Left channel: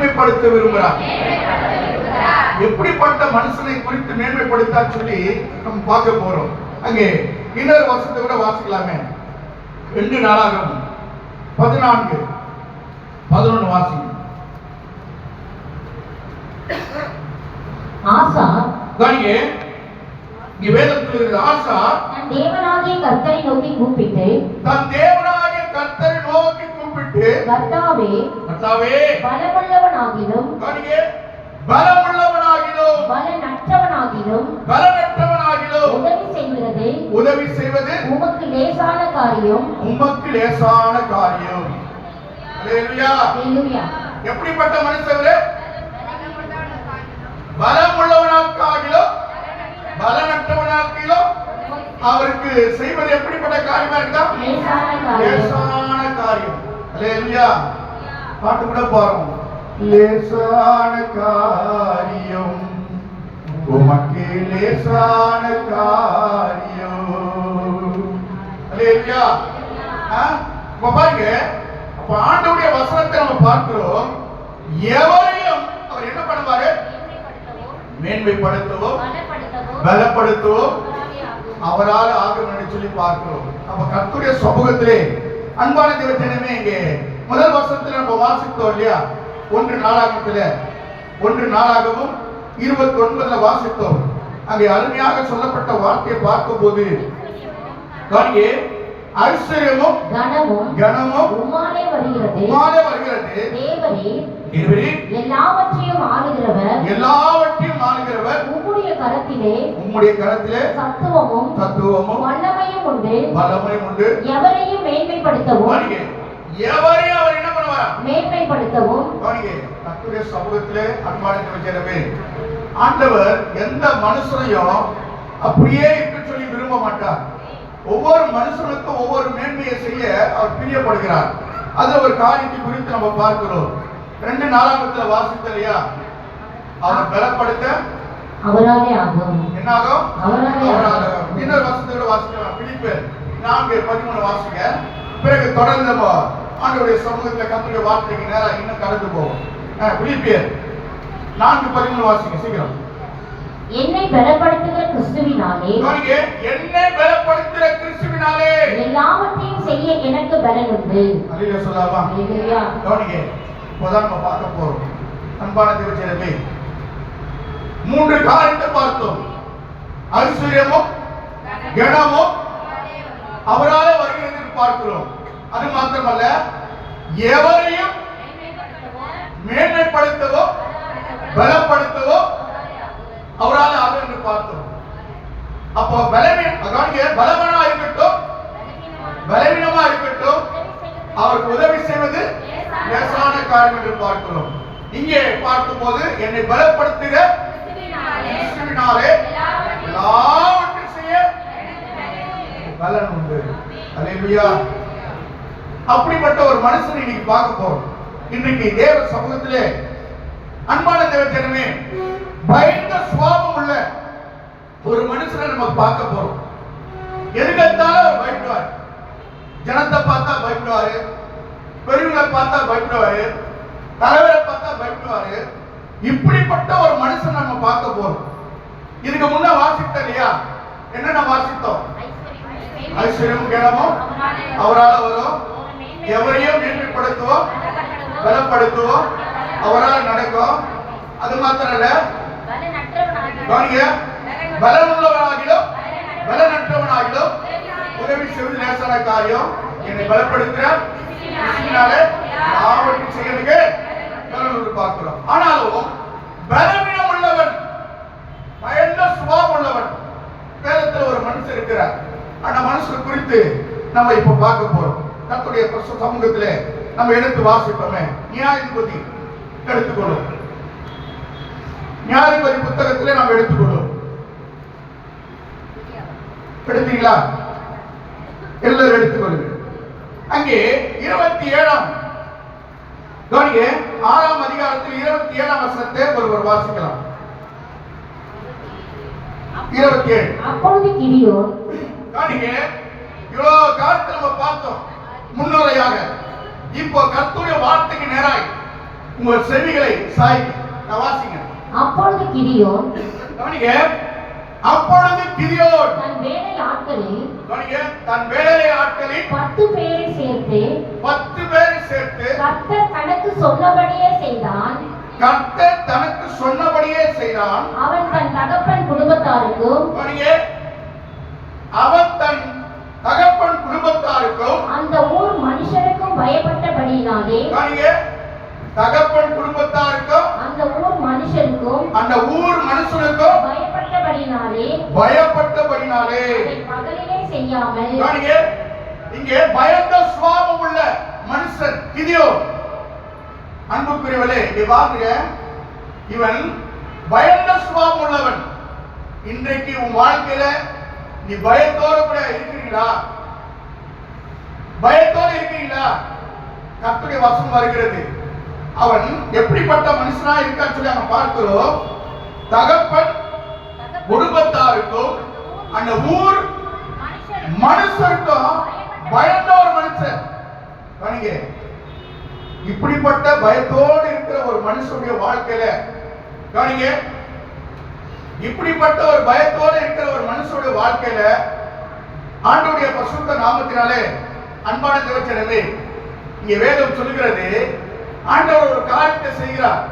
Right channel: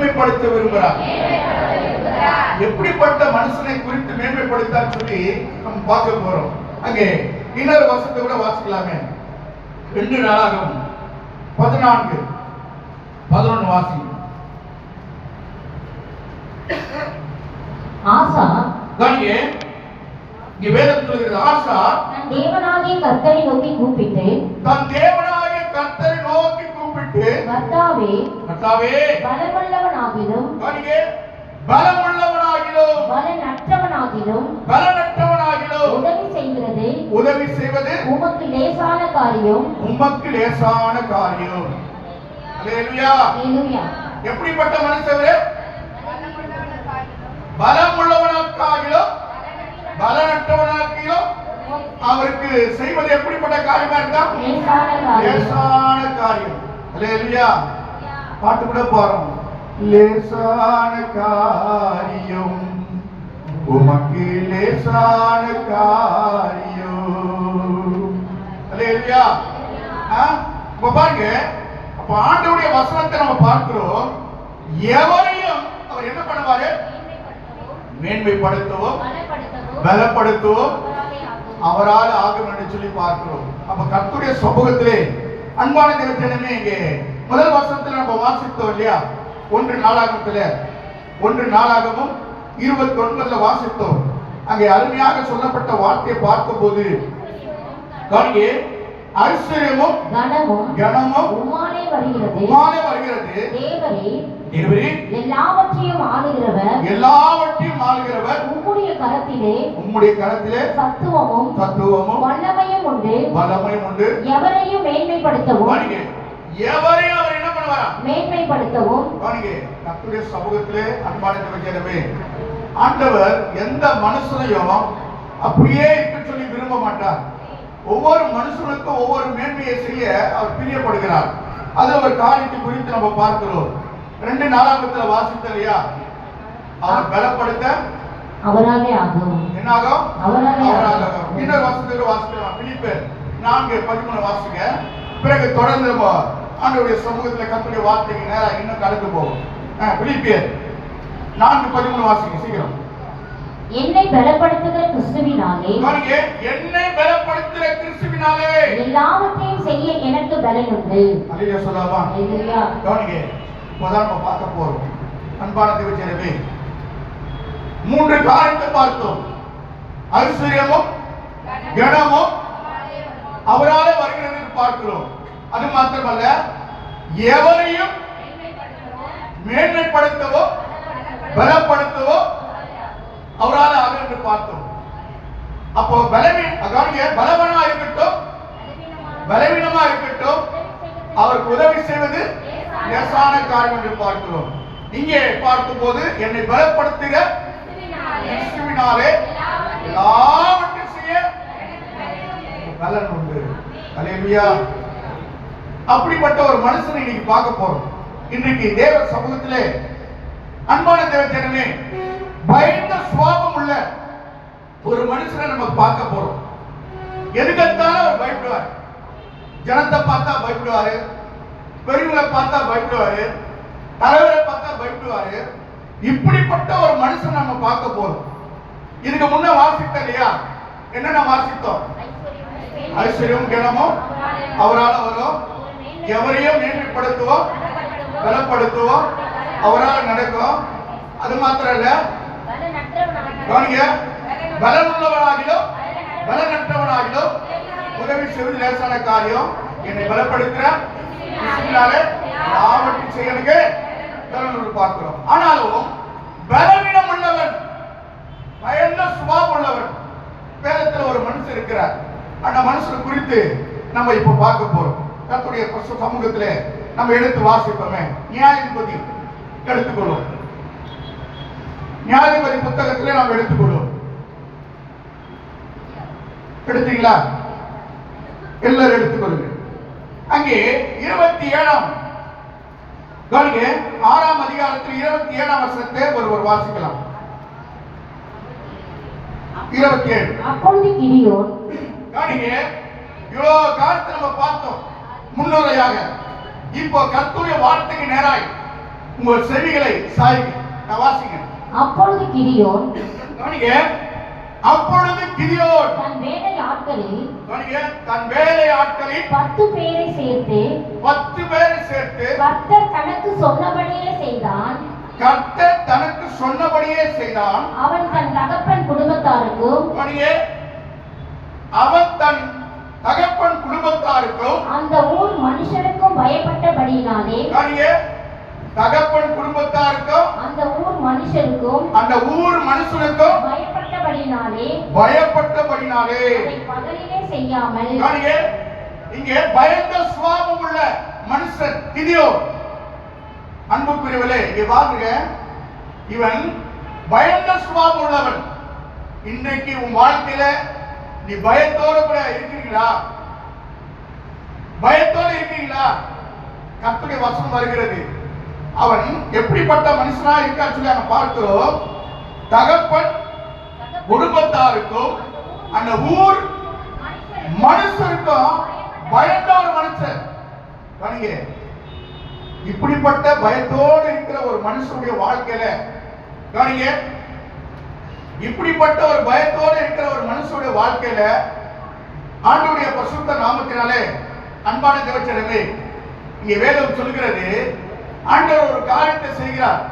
மேன்மைப்படுத்த விரும்புகிறார். எப்படிப்பட்ட மனுஷனை குறித்து மேன்மைப்படுத்த சொல்லி நம்ம பார்க்க போறோம். அங்கே இன்னொரு வசனத்தை கூட வாசிக்கலாமே. 2 நாளாகமம் 14:11 வாசிங்க. ஆசா கவனிங்க, இங்க வேதம் சொல்கிறது, ஆசா தன் தேவனாகிய கர்த்தரை நோக்கி கூப்பிட்டு கர்த்தாவே பலமுள்ளவனாகிலும் கவனிங்க, பலமுள்ளவனாகிலும் பலனற்றவனாகிலும் உதவி செய்வது உமக்கு லேசான காரியம். அல்லேலூயா. அல்லேலூயா. எப்படிப்பட்ட மனுஷர்? பலமுள்ளவனாகிலும் பலனற்றவனாகிலும் அவருக்கு செய்வது எப்படிப்பட்ட காரியமா இருக்கா? லேசான காரியம். அல்லேலூயா. பாட்டு கூட போறோம். லேசான காரியம் உமக்கு லேசான காரியம். அல்லேலூயா. பாருங்க, அப்ப ஆண்டவருடைய வசனத்தை நம்ம பார்க்கிறோம். எவரையும் அவர் என்ன பண்ணுவாரு? மேன்மைப்படுத்தவோ பலப்படுத்தவோ அவரால் ஆகும் என்று சொல்லி பார்க்கிறோம். அப்ப கர்த்தருடைய சமூகத்திலே அன்பான தேவஜனமே, இங்கே முதல் வசனத்தில் நம்ம வாசித்தோம் இல்லையா? 1 நாளாகமும் 29 வாசித்தோம். அங்கே அருமையாக சொல்லப்பட்ட வார்த்தையை பார்க்கும்போது ஐஸ்வர்யமும் கனமும் உம்மாலே வருகிறது. தேவரே எல்லாவற்றையும் ஆளுகிறவர் உம்முடைய கரத்திலே சத்துவமும் வல்லமையும் உண்டு. எவரையும் மேன்மைப்படுத்தவும் எவரையும் அவர் என்ன பண்ணுவாரா? மேன்மைப்படுத்தவும். கர்த்தருடைய சமூகத்திலே அன்பான தேவஜனமே, ஆண்டவர் எந்த மனுஷனையும் அப்படியே இருக்க சொல்லி விரும்ப மாட்டார். ஒவ்வொரு மனுஷனுக்கும் ஒவ்வொரு மேன்மையை செய்ய அவர் பிரியப்படுகிறார். அது ஒரு காரியத்தை குறித்து நம்ம பார்க்கிறோம். 2 நாளாகமத்துல வாசித்த இல்லையா? அவர் பலப்படுத்த அவராலே ஆகும். என்னாகும்? அவராலே ஆகும். இன்னொரு வசனத்தை வாசிக்கலாம். பிலிப்பியர் 4:13 வாசிங்க. பிறகு தொடர்ந்து நம்ம ஆண்டவருடைய சமூகத்துல கர்த்தருடைய வார்த்தைக்கு நேரா இன்னும் கலந்து போவோம். பிலிப்பியர் 4:13 வாசிங்க சீக்கிரம். என்னை பலப்படுத்துகிற கிறிஸ்துவினாலே எல்லாவற்றையும் செய்ய எனக்கு பலன் உண்டு. அல்லேலூயா சொல்லலாம். அல்லேலூயா. கவனிங்க, இப்போதான் நம்ம பார்க்க போறோம். அன்பான தேவஜனமே, 3 காரியத்தை பார்த்தோம். ஐஸ்வர்யமும் கனமும் அவராலே வருகிறது பார்க்கிறோம். அது மாத்திரமல்ல, எவரையும் மேன்மைப்படுத்தவோ பலப்படுத்தவோ அவரால் ஆகும் என்று பார்த்தோம். அப்போ பலவீனமா இருக்கட்டும் பலவீனமா இருக்கட்டும் அவருக்கு உதவி செய்வது லேசான காரியம் என்று பார்க்கிறோம். இங்கே பார்க்கும் போது என்னை பலப்படுத்துகிற கிறிஸ்துவினாலே எல்லாவற்றையும் செய்ய பலன் உண்டு. அல்லேலூயா. அப்படிப்பட்ட ஒரு மனுஷனை இன்னைக்கு பார்க்க போறோம். இன்றைக்கு தேவ சமூகத்திலே அன்பான தேவஜனமே, பயந்த சுபாவம் உள்ள ஒரு மனுஷனை நம்ம பார்க்க போறோம். எதுக்கத்தாலும் அவர் பயப்படுவார். ஜனத்தை பார்த்தா பயப்படுவாரு, பெரியவங்களை பார்த்தா பயப்படுவாரு, தலைவரை பார்த்தா பயப்படுவாரு. இப்படிப்பட்ட ஒரு மனுஷன் நம்ம பார்க்க போறோம். இதுக்கு முன்ன வாசித்தோம் இல்லையா? என்னென்ன வாசித்தோம்? ஐஸ்வர்யமும் கனமும் அவரால் வரும். எவரையும் மேன்மைப்படுத்துவோம் பலப்படுத்துவோம் அவரால் நடக்கும். அது மாத்திரம் இல்ல, பலனுள்ளவனாகிலும் பலனற்றவனாகிலும் உதவி செய்வது லேசான காரியம். என்னை பலப்படுத்துற ஆவற்றையும் செய்யறதுக்கு பார்க்கிறோம். ஆனாலும் பலவீனம் உள்ளவன், பயந்த சுபாவம் உள்ளவன், வேதத்தில் ஒரு மனுஷன் இருக்கிறார். அந்த மனுஷன் குறித்து நம்ம இப்ப பார்க்க போறோம். கர்த்தருடைய சமூகத்திலே நம்ம எடுத்து வாசிப்போமே. நியாயாதிபதி எடுத்துக்கொள்ளும். நியாயாதிபதி புத்தகத்திலே நாம் எடுத்துக்கொள்ளும். எடுத்தீங்களா? எல்லாரும் எடுத்துக்கொள்ளுங்க. அங்கே 27ஆம் கவனிங்க, 6ஆம் அதிகாரத்தில் 27ஆம் வசனத்தை ஒருவர் வாசிக்கலாம். 27. அப்பொழுது கிதியோன் கவனிங்க, இவ்வளவு காலத்தை நம்ம பார்த்தோம் முன்னுரையாக. இப்போ கர்த்தருடைய வார்த்தைக்கு நேராய் உங்கள் செவிகளை சாய்ங்க. நான் வாசிங்க. அப்பொழுது கிதியோன் கவனிங்க. அப்பொழுது கிதியோன் தன் வேலை ஆட்களில் கவனிங்க, தன் வேலை ஆட்களில் 10 பேரை சேர்த்து 10 பேரை சேர்த்து கர்த்தர் தனக்கு சொன்னபடியே செய்தான். கர்த்தர் தனக்கு சொன்னபடியே செய்தான். அவன் தன் தகப்பன் குடும்பத்தாருக்கும் கவனிங்க, அவன் தன் தகப்பன் குடும்பத்தாருக்கும் அந்த ஊர் மனுஷருக்கும் பயப்பட்டபடியினாலே கவனிங்க, தகப்பன் குடும்பத்தாருக்கும் அந்த ஊர் மனுஷருக்கும் அந்த ஊர் மனுஷனுக்கும் பயப்பட்டபடியினாலே பயப்பட்டபடினாலே அதை பகலிலே செய்யாமல் கவனிங்க, இங்கே பயந்த சுபாவம் உள்ள மனுஷன் கிதியோன். அன்புக்குரியவர்களே, இங்கே பாருங்க, இவன் பயந்த சுபாவம் உள்ளவன். இன்றைக்கு உன் வாழ்க்கையில நீ பயத்தோடு கூட இருக்கிறீங்களா? பயத்தோடு இருக்கீங்களா? கர்த்தருடைய வசனம் வருகிறது. அவன் எப்படிப்பட்ட மனுஷனா இருக்கான்னு சொல்லி அவன் பார்க்கிறோம். தகப்பன் குடும்பத்தாருக்கும் அந்த ஊர் மனுஷருக்கும் பயந்த ஒரு மனுஷன். கவனிங்க, இப்படிப்பட்ட பயத்தோடு இருக்கிற ஒரு மனுஷனுடைய வாழ்க்கையில கவனிங்க, இப்படிப்பட்ட ஒரு பயத்தோடு இருக்கிற ஒரு மனுஷனுடைய வாழ்க்கையில ஆண்டவருடைய பரிசுத்த நாமத்தினாலே அன்பான தேவச்சனமே, இங்கே வேதம் சொல்லுகிறது, ஆண்டவர் ஒரு காரியத்தை செய்கிறார்,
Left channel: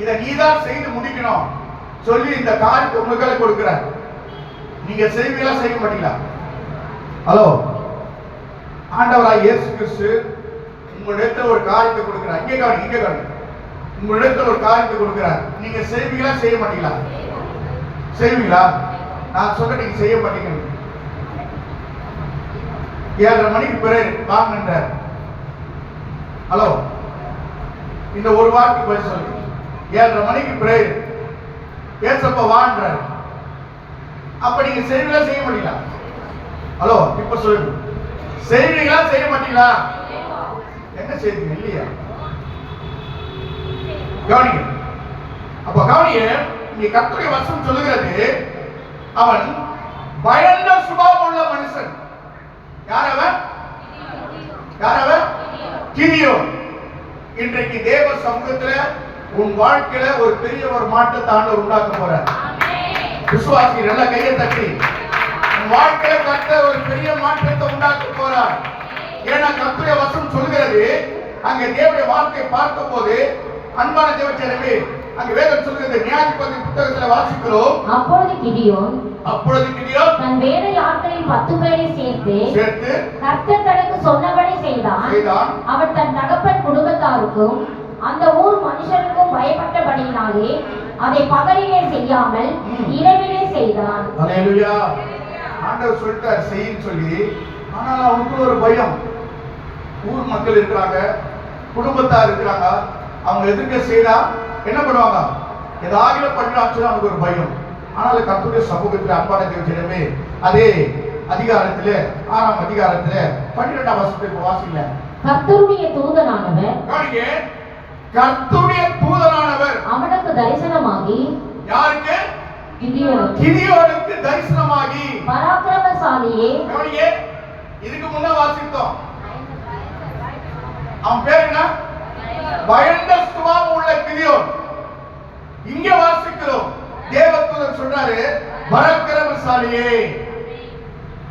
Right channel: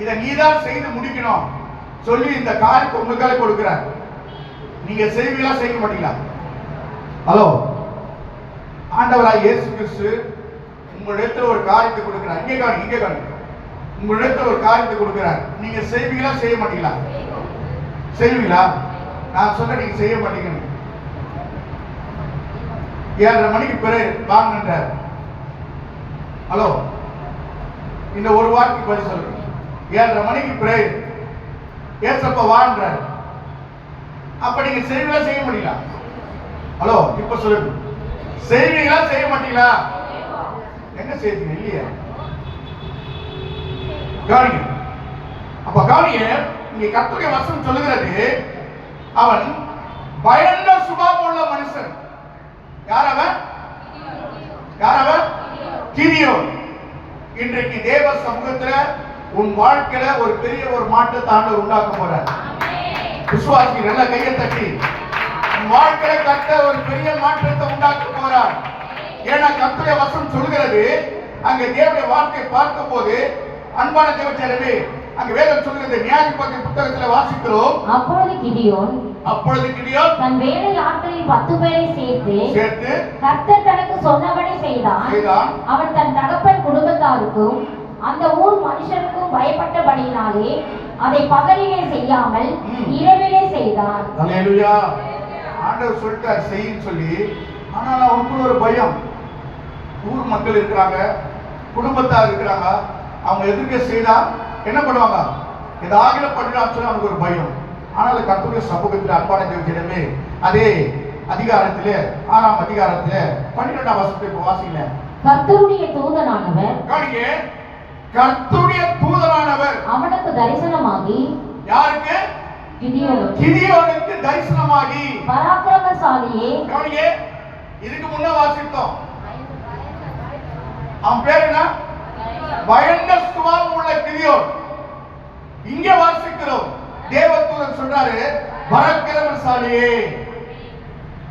இதை நீதான் செய்து முடிக்கணும் சொல்லி இந்த காரியத்தை உங்களுக்கு கொடுக்கிறார். நீங்க செய்வீங்களா, செய்ய மாட்டீங்களா? ஹலோ, ஆண்டவராய் இயேசு கிறிஸ்து உங்களிடத்தில் ஒரு காரியத்தை கொடுக்கிறார். இங்கே காணி, இங்கே காணி, உங்களிடத்தில் ஒரு காரியத்தை கொடுக்கிறார். நீங்க செய்வீங்களா, செய்ய மாட்டீங்களா? செய்வீங்களா? நான் சொல்ல நீங்க செய்ய மாட்டீங்க. 7:30 மணிக்கு பிறகு வாங்கினார். ஹலோ, இந்த ஒரு வார்த்தைக்கு பதில் சொல்லுங்க. 7:30 மணிக்கு பிறகு ஏசப்பா வாழ்றார். அப்ப நீங்க செய்வீங்களா, செய்ய மாட்டீங்களா? ஹலோ, இப்ப சொல்லுங்க, செய்வீங்களா, செய்ய மாட்டீங்களா? என்ன செய்வீங்க? இல்லையா? கவனிங்க. அப்ப கவனிங்க, இங்க கர்த்தருடைய வசனம் சொல்லுகிறது, அவன் பயந்த சுபாவம் உள்ள மனுஷன். யார் அவன்? யார் அவன்? கிதியோன். இன்றைக்கு தேவ சமூகத்துல உன் வாழ்க்கையில ஒரு பெரிய ஒரு மாற்றத்தை ஆண்டவர் உண்டாக்க போறார். விசுவாசி நல்ல கையை தட்டி உன் வாழ்க்கையில கர்த்தர் ஒரு பெரிய மாற்றத்தை உண்டாக்க போறார். ஏன்னா கர்த்தருடைய வசனம் சொல்கிறது, அங்கே தேவனுடைய வார்த்தையை பார்க்கும் போது அன்பான தேவச்சனமே, அங்க வேதம் சொல்கிறது, நியாயாதிபதி புத்தகத்துல வாசிக்கிறோம். அப்பொழுது கிதியோன் தன் வேலை ஆட்களில் 10 பேரை சேர்த்து கர்த்தர் தனக்கு சொன்னபடி செய்தான். அவன் தன் தகப்பன் குடும்பத்தாருக்கும் அந்த ஊர் மனுஷருக்கும் பயப்பட்டபடியினாலே அதை பகலிலே செய்யாமல் இரவிலே செய்தான். அல்லேலூயா. ஆண்டவர் சொல்லிட்டார் செய்யின்னு சொல்லி, ஆனால் அவனுக்கு ஒரு பயம். ஊர் மக்கள் இருக்கிறாங்க, குடும்பத்தார் இருக்கிறாங்க, அவங்க எதிர்க்க செய்தா என்ன பண்ணுவாங்க, ஏதாவது பண்ணலாம் சொல்லி அவனுக்கு ஒரு பயம். ஆனால் கர்த்தருடைய சமூகத்தில் அன்பான தேவஜனமே, அதே அதிகாரத்திலே 6ஆம் அதிகாரத்திலே 12ஆம் வசனத்தை வாசிங்க. கர்த்தருடைய தூதனானவர் கவனிங்க, கர்த்தருடைய தூதனானவர் அவனுக்கு தரிசனமாகி, யாருக்கு? கிதியோனுக்கு தரிசனமாகி, பராக்கிரமசாலியே. கவனிங்க, இதுக்கு முன்ன வாசித்தோம், அவன் பேர் என்ன? பயந்த சுபாவம் உள்ள கிதியோன். இங்க வாசிக்கிறோம், தேவதூதன் சொல்றாரு பராக்கிரமசாலியே.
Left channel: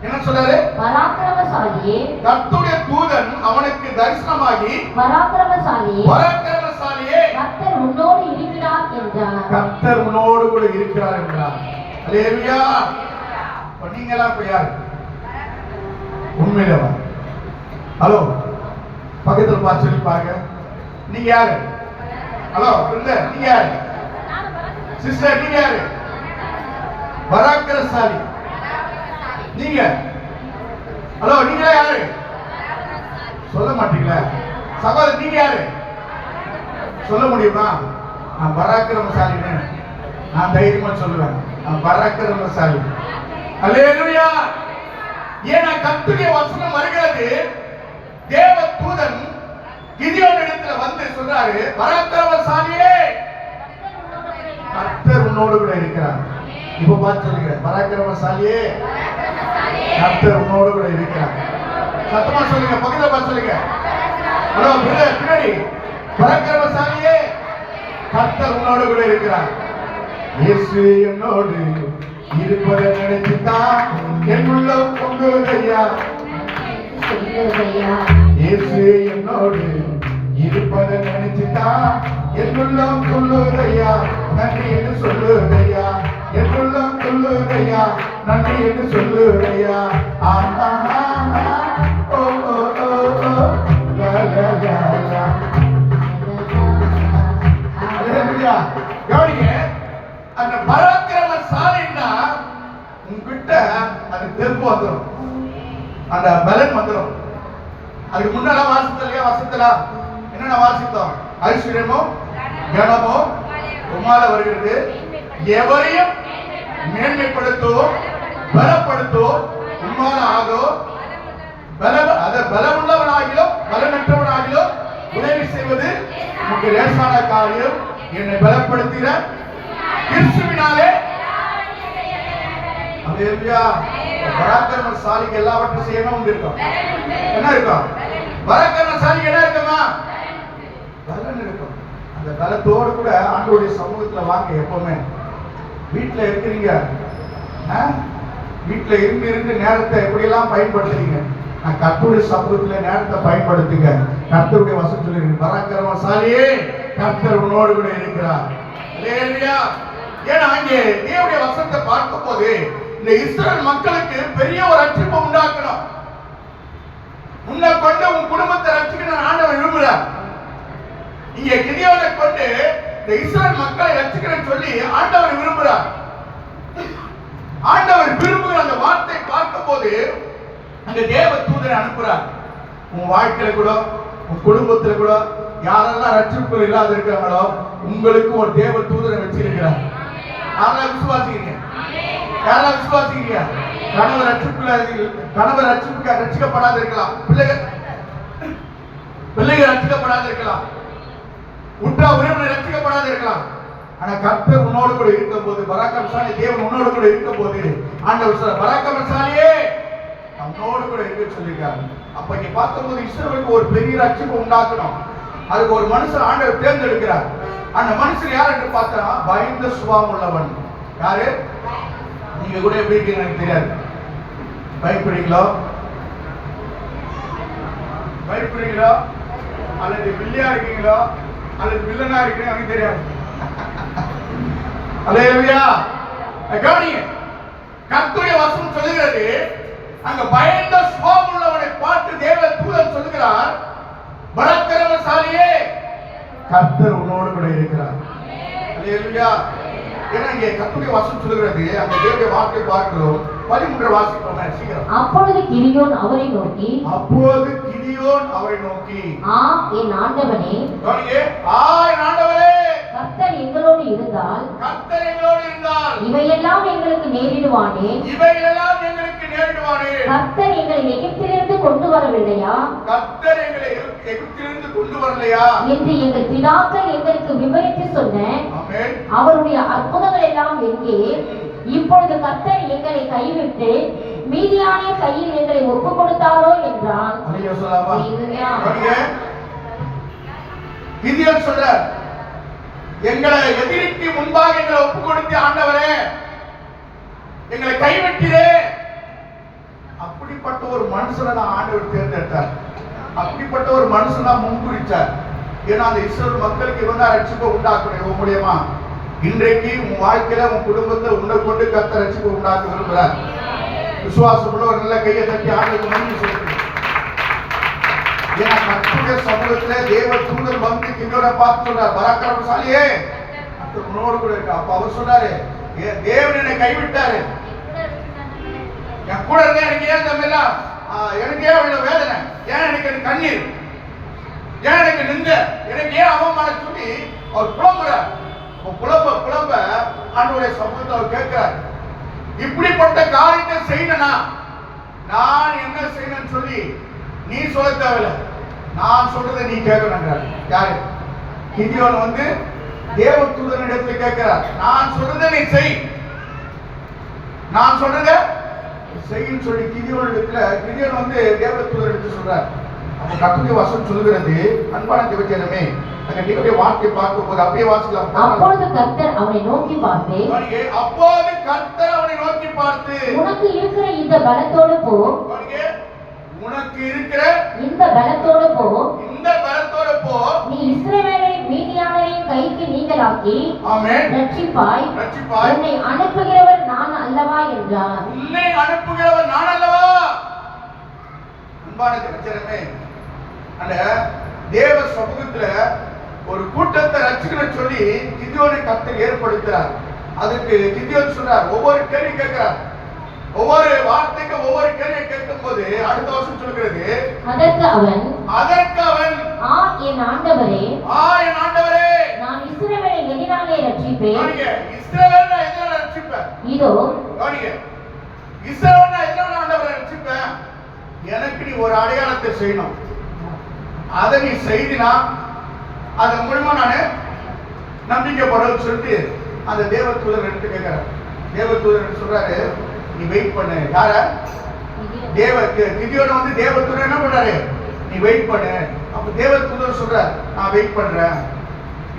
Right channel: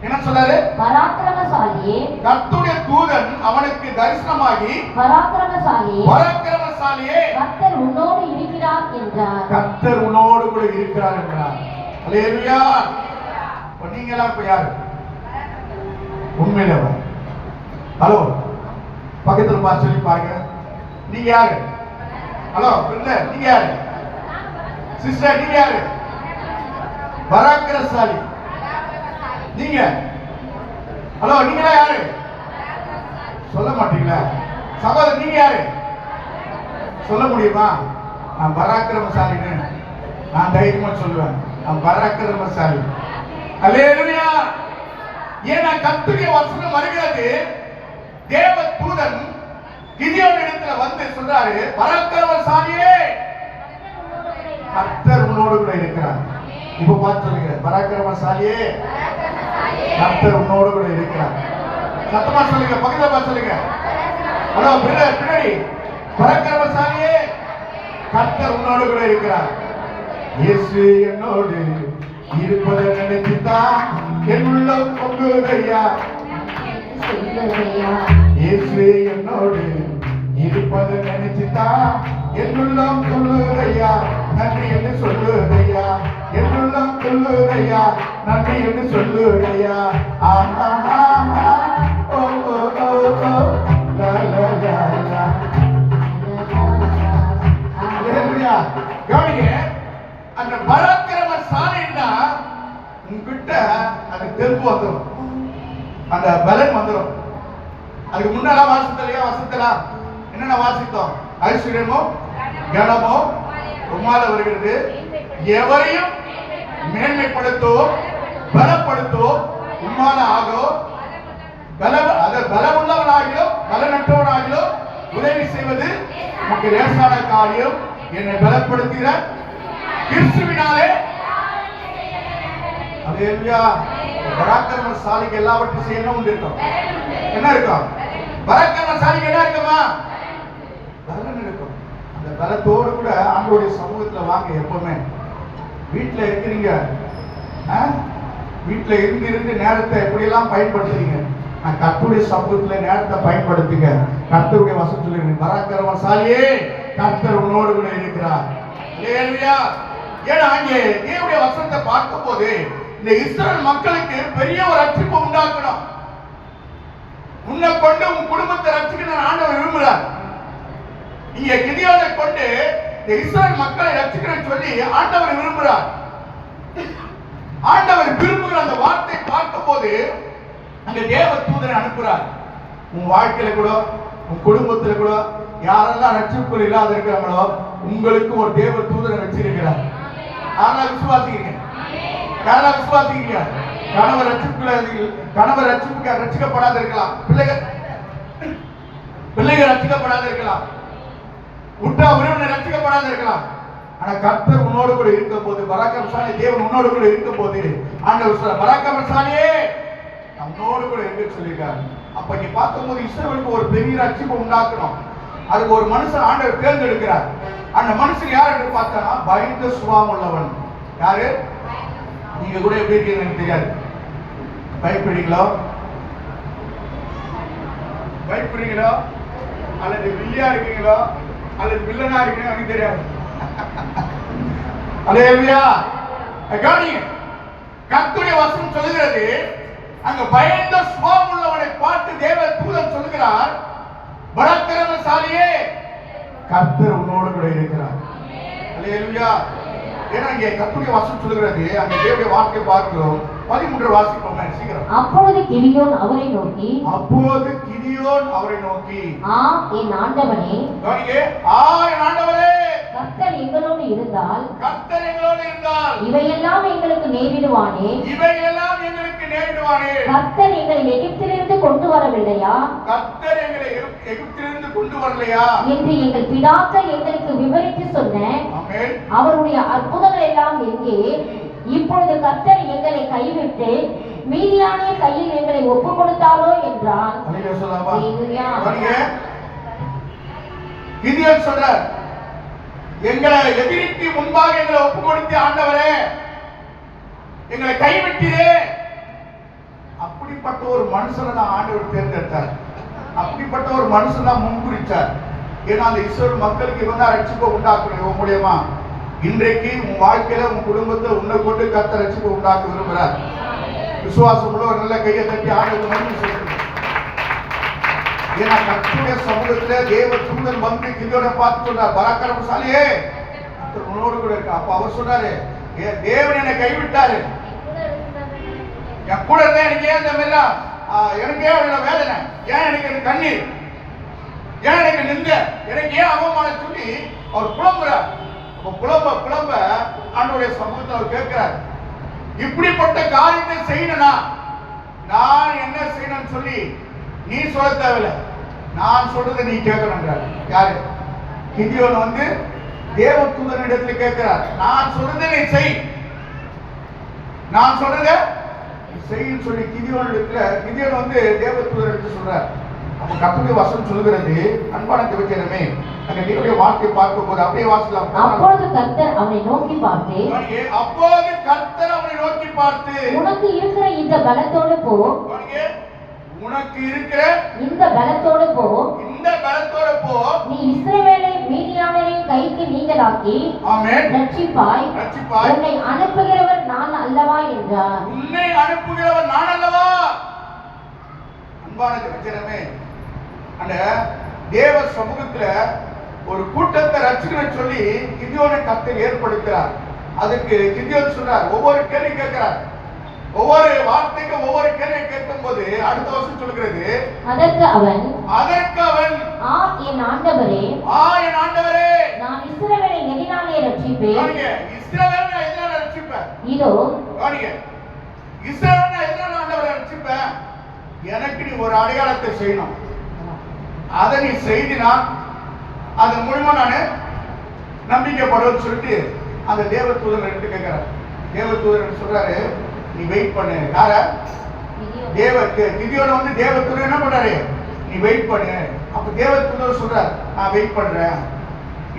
என்ன சொல்றாரு? பராக்கிரமசாலியே. கர்த்தருடைய தூதன் அவனுக்கு தரிசனமாகி, பராக்கிரமசாலியே, கர்த்தர் உன்னோடு இருக்கிறார் என்றார். கர்த்தர் உன்னோடு கூட இருக்கிறார் என்றார். அல்லேலூயா. நீங்களா இப்ப யாரு? உண்மையிலேவா? ஹலோ, பக்கத்துல பார்த்து சொல்லி பாருங்க, நீங்க யாரு? ஹலோ பிரதர், நீங்க யாரு? சிஸ்டர், நீங்க யாரு? பராக்கிரமசாலி. நீங்க? ஹலோ, நீங்களா யாரு? சொல்ல மாட்டீங்களா? சகோதரர், நீங்க யாரு? சொல்ல முடியுமா? நான் பராக்கிரமசாலின்னு நான் தைரியமா சொல்லுவேன். நான் பராக்கிரமசாலி. அல்லேலூயா. ஏன்னா கர்த்தருடைய வசனம் வருகிறது, தேவ தூதன் கிதியோன் இடத்துல வந்து சொல்றாரு, பராக்கிரமசாலியே, கர்த்தர் உன்னோடு கூட இருக்கிறார். இப்ப பார்த்து சொல்லுங்க, பராக்கிரமசாலியே, கர்த்தர் உன்னோடு கூட இருக்கிறார். சத்தமா சொல்லுங்க, பக்கத்துல பார்த்து சொல்லுங்க. ஹலோ பிரதர், பின்னாடி பராக்கிரமசாலியே, கர்த்தர் உன்னோடு கூட இருக்கிறார். இயேசு என்னோடு இருப்பதை நினைத்துதான் என் உள்ளம் பொங்குதையா. இயேசு என்னோடு இருப்பதை நினைச்சுதான் என் உள்ளம் துள்ளுதையா. நன்றி என்று சொல்லுதையா, என் உள்ளம் துள்ளுதையா, நன்றி என்று சொல்லுதையா. ஓ ஓ ஓ ஓ லா லா லா லா. அல்லேலூயா. கவனிங்க, அந்த பராக்கிரமசாலின்னா உங்ககிட்ட அது தெம்பு வந்துடும், அந்த பலன் வந்துடும். அதுக்கு முன்னால வாசித்தலையா, வசத்துல என்னென்ன வாசித்தோம்? ஐஸ்வர்யமோ கனமோ உம்மால வருகிறது, எவரையும் மேன்மைப்படுத்தும் பலப்படுத்தும் உம்மால ஆகும், பலமுள்ளவனாகிலும் பலனற்றவனாகிலும் உதவி செய்வது உனக்கு லேசான காரியம். என்னை பலப்படுத்துகிற கிறிஸ்துவினாலே. அல்லேலூயா. பராக்கிரமசாலிக்கு எல்லாவற்றையும் செய்யணும் உண்டு இருக்கும். என்ன இருக்கும்? பராக்கிரமசாலிக்கு என்ன இருக்குமா? பலன் இருக்கும். அந்த பலத்தோடு கூட ஆண்டவருடைய சமூகத்துல வாங்க. எப்பவுமே வீட்டுல இருக்கிறீங்க, வீட்டுல இருந்து நேரத்தை எப்படியெல்லாம் பயன்படுத்துறீங்க? நான் கர்த்தருடைய சமூகத்துல நேரத்தை பயன்படுத்துங்க. கர்த்தருடைய வசனம் சொல்லுங்க, பராக்கிரமசாலியே, கர்த்தர் உன்னோடு கூட இருக்கிறார். அல்லேலூயா. ஏன்னா அங்கே தேவனுடைய வசனத்தை பார்க்கும் போது இந்த இஸ்ரவேல் மக்களுக்கு பெரிய ஒரு ரட்சிப்பை உண்டாக்கணும். உன்னை கொண்டு உன் குடும்பத்தை ரட்சிக்கணும் ஆண்டவர் விரும்புகிறார். இங்க கிதியோனை கொண்டு இந்த இஸ்ரவேல் மக்களை ரட்சிக்கணும்னு சொல்லி ஆண்டவர் விரும்புகிறார். ஆண்டவர் விரும்புகிற அந்த வார்த்தை பார்க்கும் போது அந்த தேவ தூதரை அனுப்புறார். உன் வாழ்க்கையில கூட உன் குடும்பத்துல கூட யாரெல்லாம் ரட்சிப்புகள் இல்லாத இருக்கிறாங்களோ உங்களுக்கு ஒரு தேவ தூதரை வச்சிருக்கிறார். யாரெல்லாம் விசுவாசிக்கிறீங்க? யாரெல்லாம் விசுவாசிக்கிறீங்க? கணவர் ரட்சிக்கப்படாத இருக்கலாம், பிள்ளைகள் ரட்சிக்கப்படாத இருக்கலாம், உற்றா உறவினர் ரட்சிக்கப்படாத இருக்கலாம். ஆனா கர்த்தர் உன்னோடு கூட இருக்கும் போது, பராக்கிரமசாலி தேவன் உன்னோடு கூட இருக்கும் போது ஆண்டவர் சொல்ற, பராக்கிரமசாலியே நம்மோடு கூட இருக்க சொல்லியிருக்காரு. அப்ப இங்க பார்க்கும்போது இஸ்ரவேலுக்கு ஒரு பெரிய ரட்சிப்பை உண்டாக்கணும். அதுக்கு ஒரு மனுஷன் ஆண்டவர் தேர்ந்தெடுக்கிறார். அந்த மனுஷன் யார் என்று பார்த்தா பயந்த சுபாவம் உள்ளவன். யாரு? நீங்க கூட எப்படி இருக்கீங்க எனக்கு தெரியாது. பயப்படுறீங்களோ அல்லது வில்லியா இருக்கீங்களோ அல்லது வில்லனா இருக்கீங்க எனக்கு தெரியாது. அல்லேலூயா. கவனிங்க, கர்த்தருடைய வசனம் சொல்லுகிறது, அங்க பயந்த சுபாவம் உள்ளவனை பார்த்து தேவ தூதன் சொல்லுகிறார், பராக்கிரமசாலியே, கர்த்தர் உன்னோடு கூட இருக்கிறார். அல்லேலூயா. ஏன்னா இங்கே கர்த்தருடைய வசனம் சொல்லுகிறது, அந்த தேவனுடைய வார்த்தை பார்க்கிறோம். 13 வாசிப்போம் சீக்கிரம். அப்பொழுது கிதியோன் அவரை நோக்கி, என் ஆண்டவனே, என் ஆண்டவரே, கர்த்தர் எங்களோடு இருந்தால் இவையெல்லாம் எங்களுக்கு நேரிடுவானே. கர்த்தர் எங்களை எகிப்திலிருந்து கொண்டு வரவில்லையா என்று எங்கள் பிதாக்கள் எங்களுக்கு விவரித்து சொன்ன அவருடைய அற்புதங்கள் எல்லாம் எங்கே? இப்பொழுது கர்த்தர் எங்களை கைவிட்டு மீதியானிய கையில் எங்களை ஒப்பு கொடுத்தாரோ என்றான். கிதியோன் சொல்றார், எங்களை எதிரிக்கு முன்பாக எங்களை ஒப்பு கொடுத்து ஆண்டவரே எங்களை கைவிட்டீரே. அப்படிப்பட்ட ஒரு மனுஷனை தான் ஆண்டவர் தேர்ந்தெடுத்தார். அப்படிப்பட்ட ஒரு மனுஷன் தான் முன்குறிச்சார். ஏன்னா அந்த இஸ்ரவேல் மக்களுக்கு இவங்க ரட்சிப்பை உண்டாக்கணும். இவன் மூலியமா இன்றைக்கு உன் வாழ்க்கையில உன் குடும்பத்தை உன்னை கொண்டு கர்த்தர் ரட்சிப்பை உண்டாக்க விரும்புகிறார். விசுவாசப்பட ஒரு நல்ல கையை தட்டி ஆண்டவருக்கு நன்றி சொல்லுங்க. ஏன்னா கர்த்தருடைய சமூகத்திலே தேவ தூதன் வந்து கிதியோனை பார்த்து சொல்றார், பராக்கிரமசாலியே, கர்த்தர் உன்னோடு கூட இருக்கு. அப்ப அவர் சொல்றாரு, தேவன் என்னை கைவிட்டாரு, என் கூட இருந்தா எனக்கு ஏன் தமிழ் எனக்கு ஏன் அவ்வளவு வேதனை, ஏன் எனக்கு கண்ணீர், ஏன் எனக்கு நிந்த, எனக்கு ஏன் அவமான சொல்லி அவர் புலம்புறார். புலம்ப ஆண்டவருடைய சமூகத்தை அவர் கேட்கிறார், இப்படிப்பட்ட காரியத்தை செய்யணும்னா நான் என்ன செய்யணும்னு சொல்லி நீ சொல்ல தேவையில்லை, நான் சொல்றதை நீ கேட்கணுங்கிறார். யாரு? கிதியோன் வந்து தேவ தூதனிடத்துல கேட்கிறார், நான் சொல்றதை நீ செய், நான் சொல்றதை செய்யின்னு சொல்லி கிதியோன் வந்து தேவ தூதனிடத்துல சொல்றார். அப்ப கர்த்தருடைய வசனம் சொல்லுகிறது, அன்பான தேவஜனமே, அங்க தேவனுடைய வார்த்தை பார்க்கும்போது அப்படியே வாசிக்கலாம். அப்பொழுது கர்த்தர் அவனை நோக்கி பார்த்து, அப்போது கர்த்தர் அவனை நோக்கி பார்த்து, உனக்கு இருக்கிற இந்த பலத்தோடு போ. உனக்கு இருக்கிற இந்த பலத்தோடு போ. இந்த பலத்தோடு போ. நீ இஸ்ரவேலை மீதியானரின் கைக்கு நீங்களாக்கி ஆமென் ரட்சிப்பாய். உன்னை அனுப்புகிறவர் நான் அல்லவா என்றார். உன்னை அனுப்புகிறவர் நான் அல்லவா. அன்பான ஜனமே, அந்த தேவ சமூகத்துல ஒரு கூட்டத்தை ரட்சிக்கணும்னு சொல்லி கிதியோனை கர்த்தர் ஏற்படுத்துறார். அதுக்கு கிதியோன் சொல்றார், ஒவ்வொரு கேள்வி கேட்கிறார். ஒவ்வொரு வார்த்தைக்கு ஒவ்வொரு கேள்வியை கேட்கும் போது அடுத்த வருஷம் சொல்கிறது, அதற்கு அவன் ஆ என் ஆண்டவரே, நான் இஸ்ரவேலை எதினாலே ரட்சிப்பேன். இஸ்ரவேலை எதினாலே ரட்சிப்பேன். இதோ இஸ்ரவேலை எதினாலே ஆண்டவரை ரட்சிப்பேன். எனக்கு நீ ஒரு அடையாளத்தை செய்யணும். அதை நீ செய்தினா அதன் மூலமா நான் நம்பிக்கைப்படுவேன்னு சொல்லிட்டு அந்த தேவதூதர் எடுத்து கேட்கிறார். தேவதூதர் சொல்றாரு, நீ வெயிட் பண்ணு. யார? கிதியோனை வந்து தேவதூதர் என்ன பண்றாரு, நீ வெயிட் பண்ணு. அப்ப தேவதூதர் சொல்றார், நான் வெயிட் பண்றேன்.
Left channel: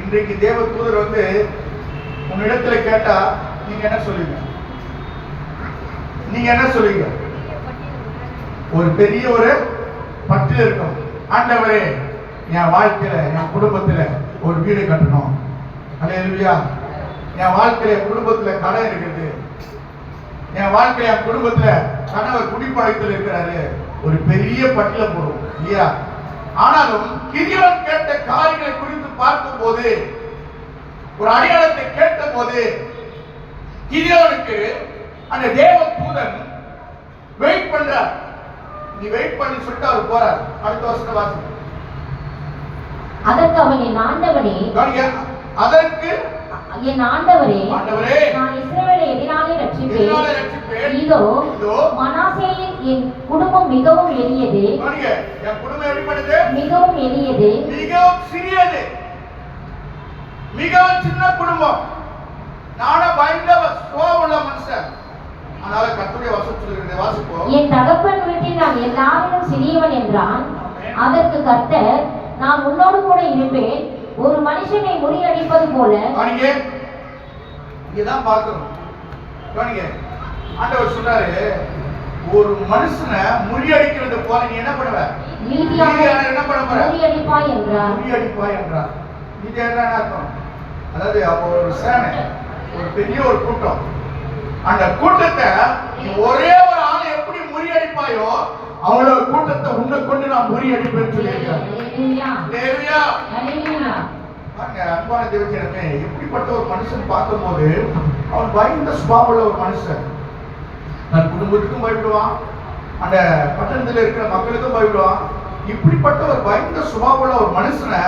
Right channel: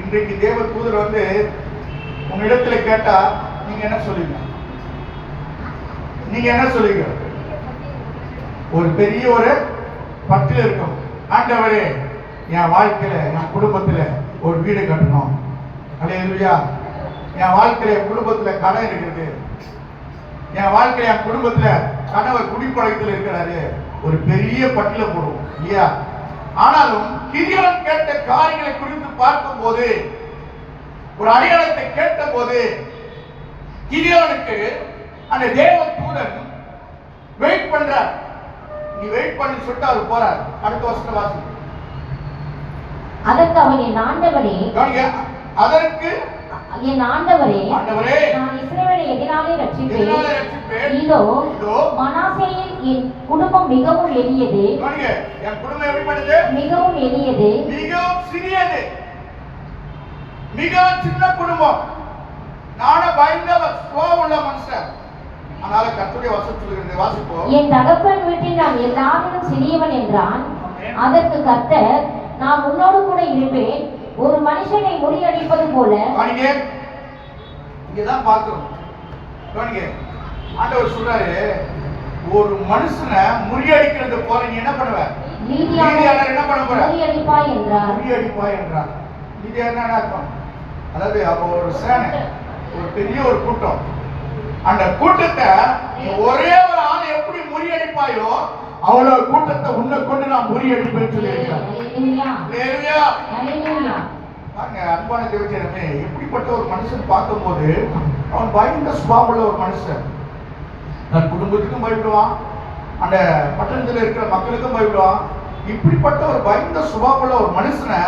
இன்றைக்கு தேவதூதர் வந்து உன்னிடத்துல கேட்டா நீங்க என்ன சொல்லுவீங்க? நீங்க என்ன சொல்லுவீங்க? ஒரு பெரிய ஒரு பட்டியல் இருக்கும். ஆண்டவரே, என் வாழ்க்கையில என் குடும்பத்துல ஒரு வீடு கட்டணும். அல்லேலூயா. என் வாழ்க்கையில என் குடும்பத்துல கடன் இருக்குது. என் வாழ்க்கையில என் குடும்பத்துல கணவர் குடிப்பழக்கத்தில் இருக்கிறாரு. ஒரு பெரிய பட்டியலை போடும் இல்லையா? ஆனாலும் கிதியோன் கேட்ட காரியங்களை குறித்து பார்க்கும் போது, ஒரு அடையாளத்தை கேட்ட போது, கிதியோனுக்கு அந்த தேவ தூதன் வெயிட் பண்றார். நீ வெயிட் பண்ணி சொல்லிட்டு அவர் போறார். அடுத்த வருஷம் வாசி. அதற்கு அவன், என் ஆண்டவரே, நான் இஸ்ரவேலை எதினாலே ரட்சிப்பேன். இதோ மனாசேயில் என் குடும்பம் மிகவும் எளியது. என் குடும்பம் எப்படிப்பட்டது? மிகவும் எளியது, மிகவும் சிறியது, மிகவும் சின்ன குடும்பம். நானும் பயந்த உள்ள மனுஷன். அதனால கர்த்தருடைய வசனத்தை வாசிப்போம். என் தகப்பன் வீட்டில் நான் எல்லாரிலும் சிறியவன் என்றான். அதற்கு கர்த்தர், நான் உன்னோடு கூட இருப்பேன். ஒரு மனுஷனை முறியடிப்பது போல. இங்கதான் பார்க்கிறோம். ஆண்டவர் சொல்றாரு, ஒரு மனுஷனை முறியடிக்கிறது போல நீ என்ன பண்ணுவ? மீதியானவரை என்ன பண்ண போற? முறியடிப்பாய் என்றார். முறியடிப்பாய் என்றார். இது என்ன அர்த்தம்? அதாவது அப்போ ஒரு சேனை, ஒரு பெரிய ஒரு கூட்டம். அந்த கூட்டத்தை ஒரே ஒரு ஆளை எப்படி முறியடிப்பாயோ அவ்வளவு கூட்டத்தை உன்னை கொண்டு நான் முறியடிப்பேன்னு சொல்லியிருக்கிறேன். அன்பான தேவஜனமே, எப்படிப்பட்ட ஒரு மனுஷன் பார்க்கும்போது அவன் பயந்த சுபாவமுள்ள ஒரு மனுஷன். தன் குடும்பத்துக்கும் பயப்படுவான், அந்த பட்டணத்தில் இருக்கிற மக்களுக்கும் பயப்படுவான். இப்படிப்பட்ட ஒரு பயந்த சுபாவமுள்ள ஒரு மனுஷனை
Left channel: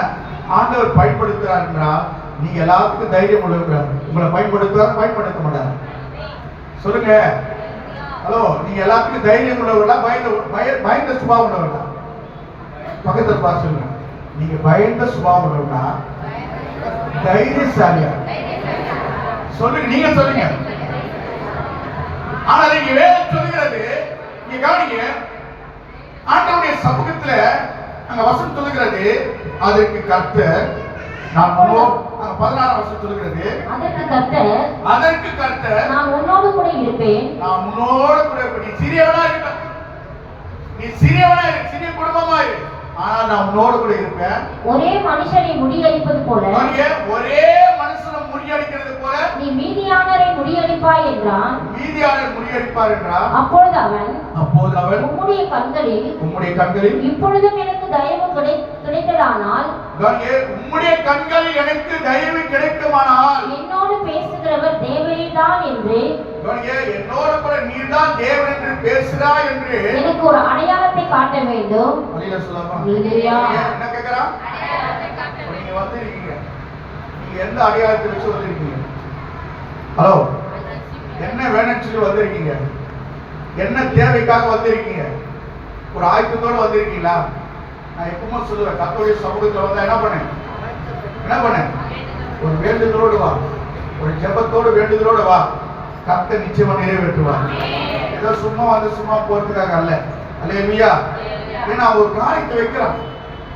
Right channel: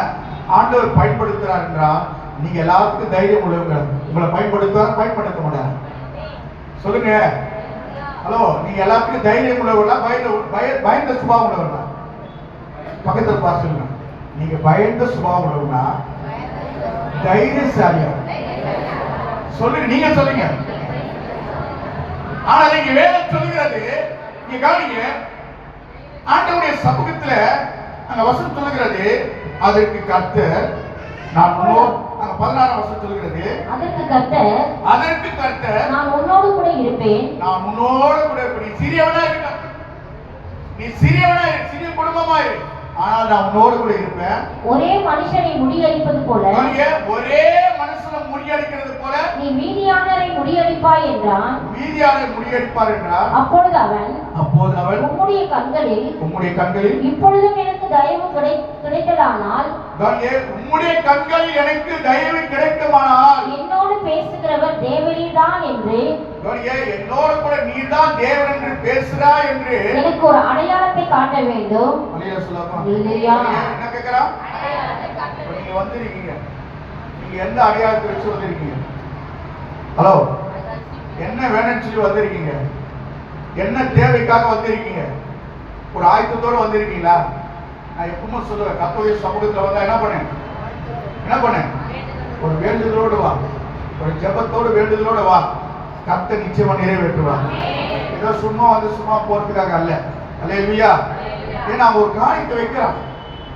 ஆண்டவர் பயன்படுத்துறார் என்றால் நீங்க எல்லாத்துக்கும் தைரியம் உள்ளவங்க. உங்களை பயன்படுத்துவார், பயன்படுத்த மாட்டார். சொல்லுங்க. ஹலோ, நீங்க எல்லாத்துக்கும் தைரியம் உள்ளவர்களா, பயந்த சுபாவம் உள்ளவர்களா? பக்கத்தில் பார்த்து சொல்லுங்க. நீங்க பயந்த சுபாவம் உள்ளவர்களா, தைரியசாலியா? சொல்லுங்க, நீங்க சொல்லுங்க. ஆனா நீங்க வேதம் சொல்லுகிறது, நீங்க கவனிங்க, ஆண்டவருடைய சமூகத்துல அங்க வசனம் சொல்லுகிறது, அதற்கு கர்த்தர், நான் 16 வருஷம் சொல்லுகிறது, அதற்கு கர்த்தர், நான் உன்னோடு கூட இருப்பேன். நான் உன்னோடு கூட இருப்பேன். நீ சிறியவனா இருக்க, நீ சிறியவனா இரு, சிறிய குடும்பமா இரு, ஆனால் நான் உன்னோடு கூட இருப்பேன். ஒரே மனுஷனை முறியடிப்பது போல, ஒரே மனுஷனை முறியடிக்கிறது போல நீ மீதியானரை முறியடிப்பாய் என்றான். மீதியானரை முறியடிப்பார் என்றான். அப்பொழுது அவன், உம்முடைய கண்களில் இப்பொழுதும் எனக்கு தயவு கிடைத்ததானால், உம்முடைய கண்களில் எனக்கு தயவு கிடைக்குமானால், என்னோடு பேசுகிறவர் தேவனே தான் என்று, என்னோடு கூட நீதான் தேவன் என்று பேசுகிறாய் என்று எனக்கு ஒரு அடையாளத்தை காட்ட வேண்டும். என்ன கேட்கிறா? நீங்க வந்திருக்கீங்க, நீங்க எந்த அடையாளத்தை வச்சு வந்திருக்கீங்க? ஹலோ, என்ன வேணும்னு சொல்லி வந்திருக்கீங்க? என்ன தேவைக்காக வந்திருக்கீங்க? ஒரு ஆயத்தத்தோடு வந்திருக்கீங்களா? நான் எப்பவுமே சொல்லுவேன், கர்த்தருடைய சமூகத்தில் வந்தா என்ன பண்ண? ஒரு வேண்டுதலோடு வா, ஒரு ஜெபத்தோடு வேண்டுதலோடு வா. கர்த்தர் நிச்சயமா நிறைவேற்றுவார். ஏதோ சும்மா வந்து சும்மா போறதுக்காக அல்ல. அல்லேலூயா. ஏன்னா ஒரு காரியத்தை வைக்கிறான்,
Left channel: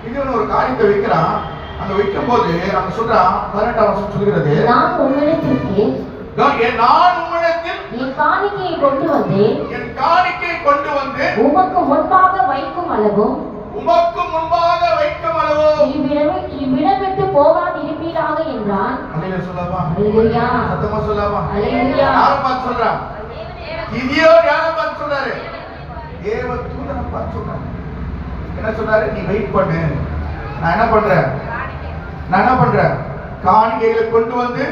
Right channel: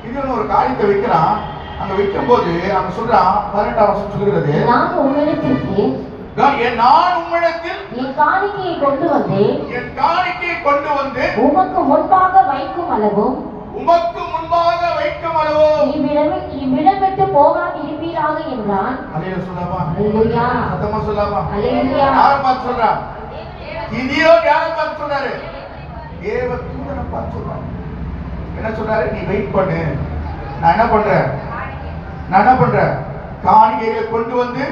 இது ஒரு காரியத்தை வைக்கிறான். அங்க வைக்கும் போது அங்க சொல்றான் 18ஆம் வசனம் சொல்கிறது, நான் உம்மிடத்திற்கு நான் உம்மிடத்தில் என் காணிக்கையை கொண்டு வந்து உமக்கு முன்பாக வைக்கும் அளவும் இவ்விடம் விட்டு போகாது இருப்பீராக என்றான். அல்லேலூயா சொல்லாமா? அல்லேலூயா. சத்தமா சொல்லாமா? அல்லேலூயா. யாரை பார்த்து சொல்றான்? கிதியோ யாரை பார்த்து சொல்றாரு? தேவ தூதனை பார்த்து சொல்றாரு. என்ன சொல்றாரு? நீ வெயிட் பண்ணு, நான் என்ன பண்றேன் காணிக்கைகளை கொண்டு வந்து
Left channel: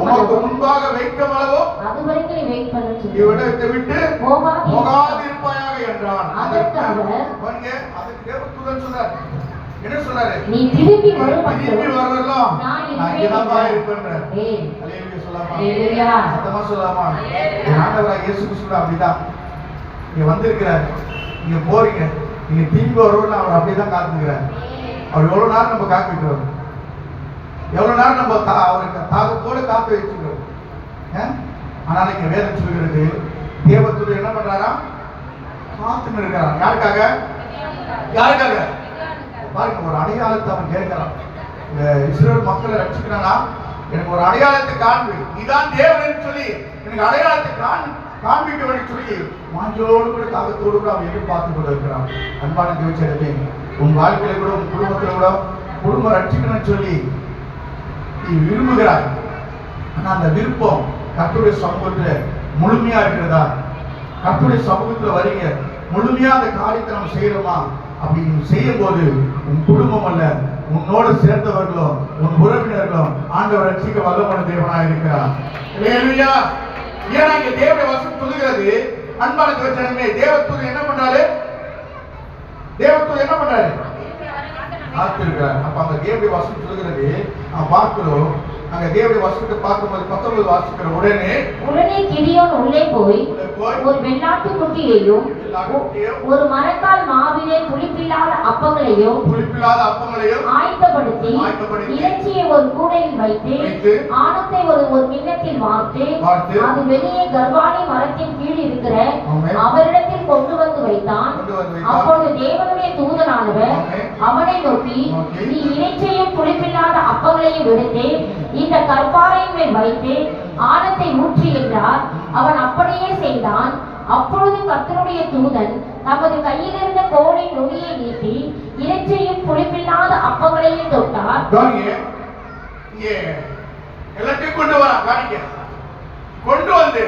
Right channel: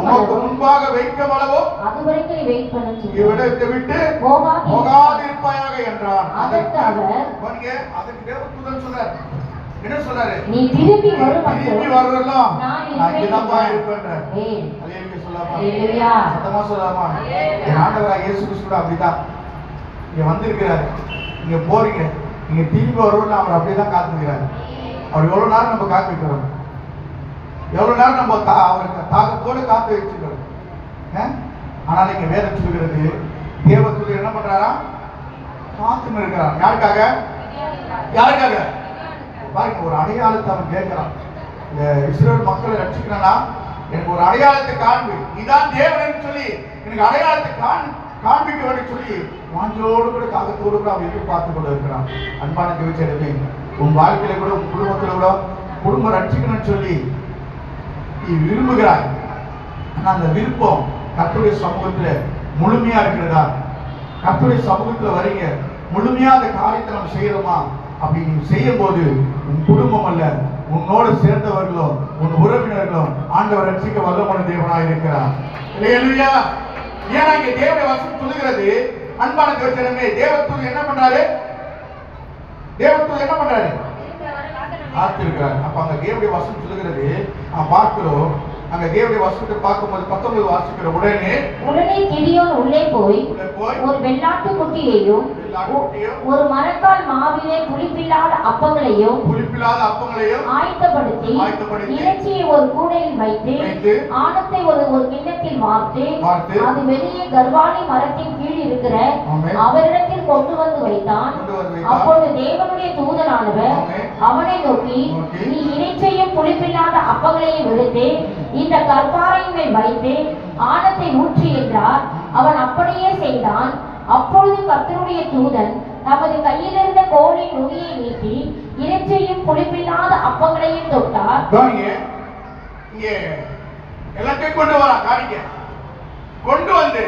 உமக்கு முன்பாக வைக்கும் அளவோ அதுவரைக்கும் நீ வெயிட் பண்ணு, இவ்விடத்தை விட்டு போகாது இருப்பாயாக என்றான். அதற்கு தேவ தூதன் சொல்றாரு, என்ன சொல்றாரு? நீ திரும்பி வரலாம், நான் இங்கதான் இருப்பேன். அல்லேலூயா சொல்லாமா? அல்லேலூயா. சத்தமா சொல்லாமா? ஆண்டவராகிய இயேசு கிறிஸ்து அப்படிதான் இங்க வந்திருக்கிறார். நீங்க போறீங்க, நீங்க திரும்பி வருவோம், அவர் அப்படிதான் காத்துக்கிறார். அவர் எவ்வளவு நேரம் நம்ம காத்துக்கிறோம், எவ்வளவு நேரம் நம்ம அவருக்கு தாகத்தோடு காத்து வச்சுக்கிறோம். ஆனால் இங்க வேதம் சொல்கிறது, தேவதூதன் என்ன பண்றாரா? காத்துன்னு இருக்கிறான். யாருக்காக? பாருங்க, ஒரு அடையாளத்தை அவன் கேட்கிறான். இஸ்ரவேல் மக்களை ரட்சிக்கிறானா, எனக்கு ஒரு அடையாளத்தை காண்பி, இதான் தேவன் சொல்லி எனக்கு அடையாளத்தை காண்பிக்க வேண்டும் சொல்லி வாஞ்சோடு கூட தாகத்தோடு கூட அவன் எதிர்பார்த்து கொண்டு இருக்கிறான். அன்பான தேவச்சேரமே, உன் வாழ்க்கையில கூட உன் குடும்பத்துல கூட குடும்பம் ரட்சிக்கணும்னு சொல்லி நீ விரும்புகிறாய். ஆனா அந்த விருப்பம் கர்த்தருடைய சமூகத்துல முழுமையா இருக்கிறதா? கர்த்தருடைய சமூகத்துல வரீங்க, முழுமையா அந்த காரியத்தை நம்ம செய்யறோமா? அப்படி நீ செய்யும் போது உன் குடும்பம் அல்ல, உன்னோடு சேர்ந்தவர்களோ உன் உறவினர்களோ ஆண்டவர் ரட்சிக்க வல்லமான தேவனாக இருக்கிறார். அல்லேலூயா. ஏன்னா இங்க தேவனுடைய வசனம் சொல்லுகிறது, அன்பான தேவச்சனமே, தேவதூதன் என்ன பண்றாரு? காத்திருக்கிறார். அப்ப அங்க தேவனுடைய வசனம் சொல்லுகிறது, பார்க்கிறோம். அங்க தேவனுடைய வசனத்தை பார்க்கும்போது 19 வாசிக்கிற உடனே கிதியோன் உள்ளே போய் ஒரு வெள்ளாட்டு குட்டியையும் ஒரு மரக்கால் மாவிலே புளிப்பில்லாத அப்பங்களையும் ஆயத்தப்படுத்தி இறைச்சியை ஒரு கூடையில் வைத்து ஆணத்தை ஒரு கிண்ணத்தில் வார்த்து அது வெளியே கர்வாலி மரத்தின் கீழ் இருக்கிற அவரிடத்தில் கொண்டு வந்து வைத்தான். அப்பொழுது தேவனுடைய தூதனானவர் அவனை நோக்கி, நீ இறைச்சியையும் புளிப்பில்லாத அப்பங்களையும் எடுத்து இந்த கற்பாறையின் மேல் வைத்து ஆணத்தை ஊற்றி என்றார். அவன் அப்படியே செய்தான். அப்பொழுது கர்த்தருடைய தூதன் தமது கையிலிருந்த கோலின் நுனியை நீட்டி இறைச்சியும் புளிப்பில்லாத அப்பங்களையும் தொட்டார். எல்லாத்தையும் கொண்டு வந்து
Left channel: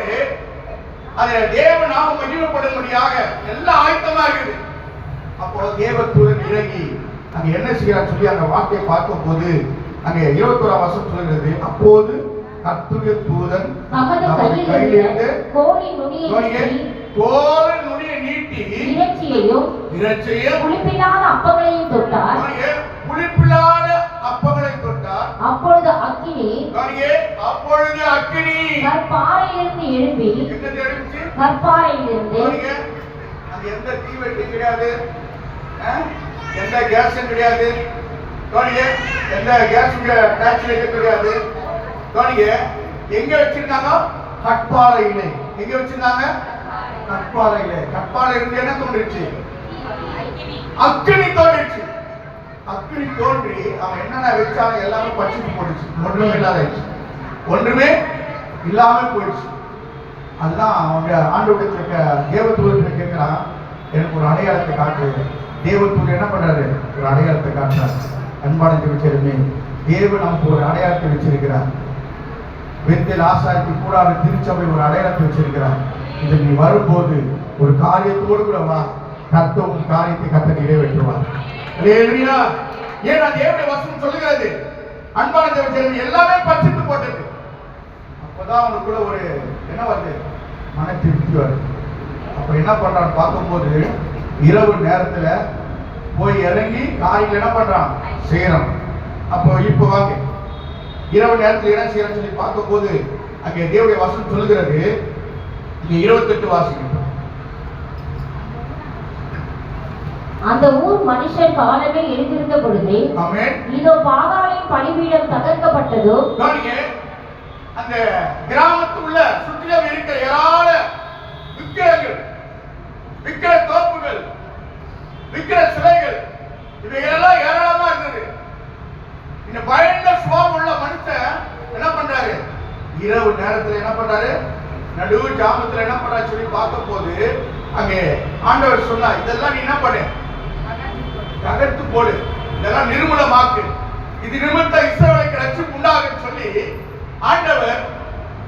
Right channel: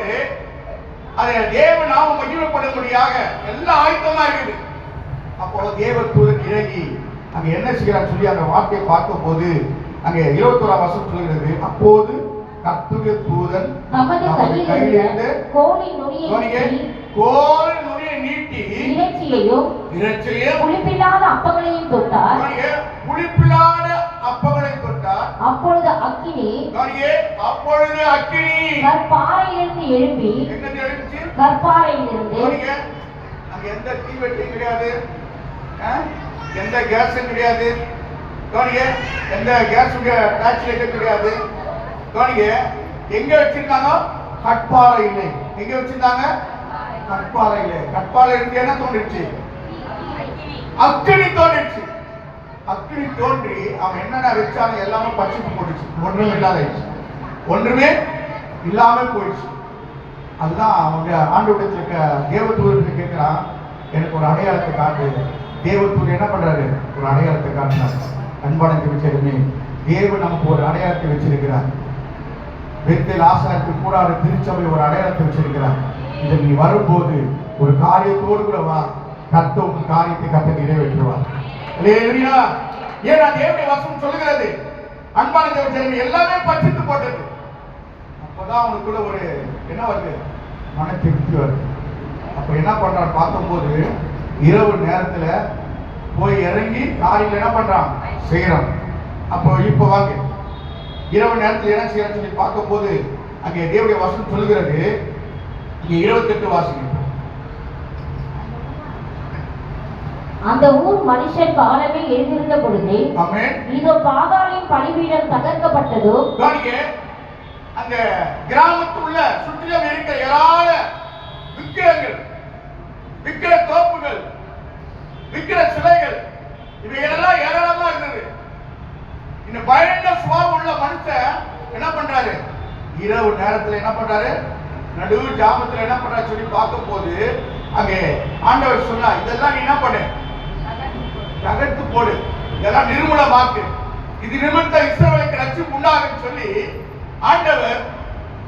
அதை தேவ நாம மகிமைப்படும்படியாக எல்லாம் ஆயத்தமா இருக்குது. அப்போ தேவ தூதன் இறங்கி அங்க என்ன செய்யறான்னு சொல்லி அந்த வார்த்தையை பார்க்கும் போது அங்கே 21ஆம் வசனம் சொல்கிறது, அப்போது கர்த்தருடைய தூதன் தமது கையிலிருந்த கோலின் நுனியை நீட்டி இறைச்சியையும் புளிப்பில்லாத அப்பங்களையும் தொட்டார். அப்பொழுது அக்கினி கற்பாறையிலிருந்து எழும்பி கற்பாறையிலிருந்து எந்த தீவெட்டி கிடையாது, எந்த கேஸும் கிடையாது, எந்த கேஸுடைய டேக்ஸ் கிடையாது. எங்க வச்சிருந்தாங்க? கற்பாறையிலே. எங்க வச்சிருந்தாங்க? கற்பாறையிலே. கற்பாறை இருந்து என்ன தோன்றிச்சு? அக்கினி தோன்றிச்சு. அக்கினி தோன்றி அவன் என்னென்ன வச்சாலும் எல்லாமே பச்சுக்கு போயிடுச்சு. ஒன்றுமே இல்லாம போயிடுச்சு. அதுதான் அவங்க ஆண்டவருடைய தேவதூதனை கேட்கிறான், எனக்கு ஒரு அடையாளத்தை காட்டு. தேவதூதன் என்ன பண்றாரு? ஒரு அடையாளத்தை காட்டுறாரு. அன்பான திருச்செருமே, தேவன் நமக்கு ஒரு அடையாளத்தை வச்சிருக்கிறார். பெத்தேல் ஆசாரிக்கு கூட அவர் திருச்சபை ஒரு அடையாளத்தை வச்சிருக்கிறார். இதை நீ வரும்போது ஒரு காரியத்தோடு கூட வா, கர்த்தர் காரியத்தை கர்த்தர் நிறைவேற்றுவார். அல்லேலூயா. ஏன்னா தேவனுடைய வசனம் சொல்லுகிறது, அன்பான தேவச்சேரமே, எல்லாமே பச்சித்து போட்டது. அப்பதான் அவனுக்குள்ள ஒரு என்ன வருது? மன திருப்தி வருது. அப்ப என்ன பண்றான்னு பார்க்கும்போது இரவு நேரத்துல போய் இறங்கி காரியங்கள் என்ன பண்றான்? செய்யறான். அப்போ இப்ப வாங்க, இரவு நேரத்தில் என்ன செய்யறான்னு சொல்லி பார்க்கும் போது அங்கே தேவனுடைய வசனம் சொல்லுகிறது, இங்க 28 வாசிங்க. அந்த ஊர் மனுஷர் காலமே எழுந்திருந்த பொழுது இதோ பாகாலின் பலிபீடம் தகர்க்கப்பட்டதோ. அந்த கிராமத்துள்ள சுற்றிலும் இருக்கிற ஏராள விக்கிரங்கள், விக்கிர தோப்புகள், விக்கிர சிலைகள், இவைகளெல்லாம் ஏராளமா இருந்தது. இந்த பயந்த சுபாவம் உள்ள மனுஷன் என்ன பண்றாரு? இரவு நேரத்துல என்ன பண்றாரு? நடு ஜாமத்துல என்ன பண்றாரு சொல்லி பார்க்கும் போது அங்கே ஆண்டவர் சொன்னா, இதெல்லாம் நீ என்ன பண்ணு? தகர்த்து போடு, இதெல்லாம் நிர்மூலமாக்கு, இது நிமித்த இஸ்ரவேலுக்கு ரட்சிப்பு உண்டாகும் சொல்லி ஆண்டவர்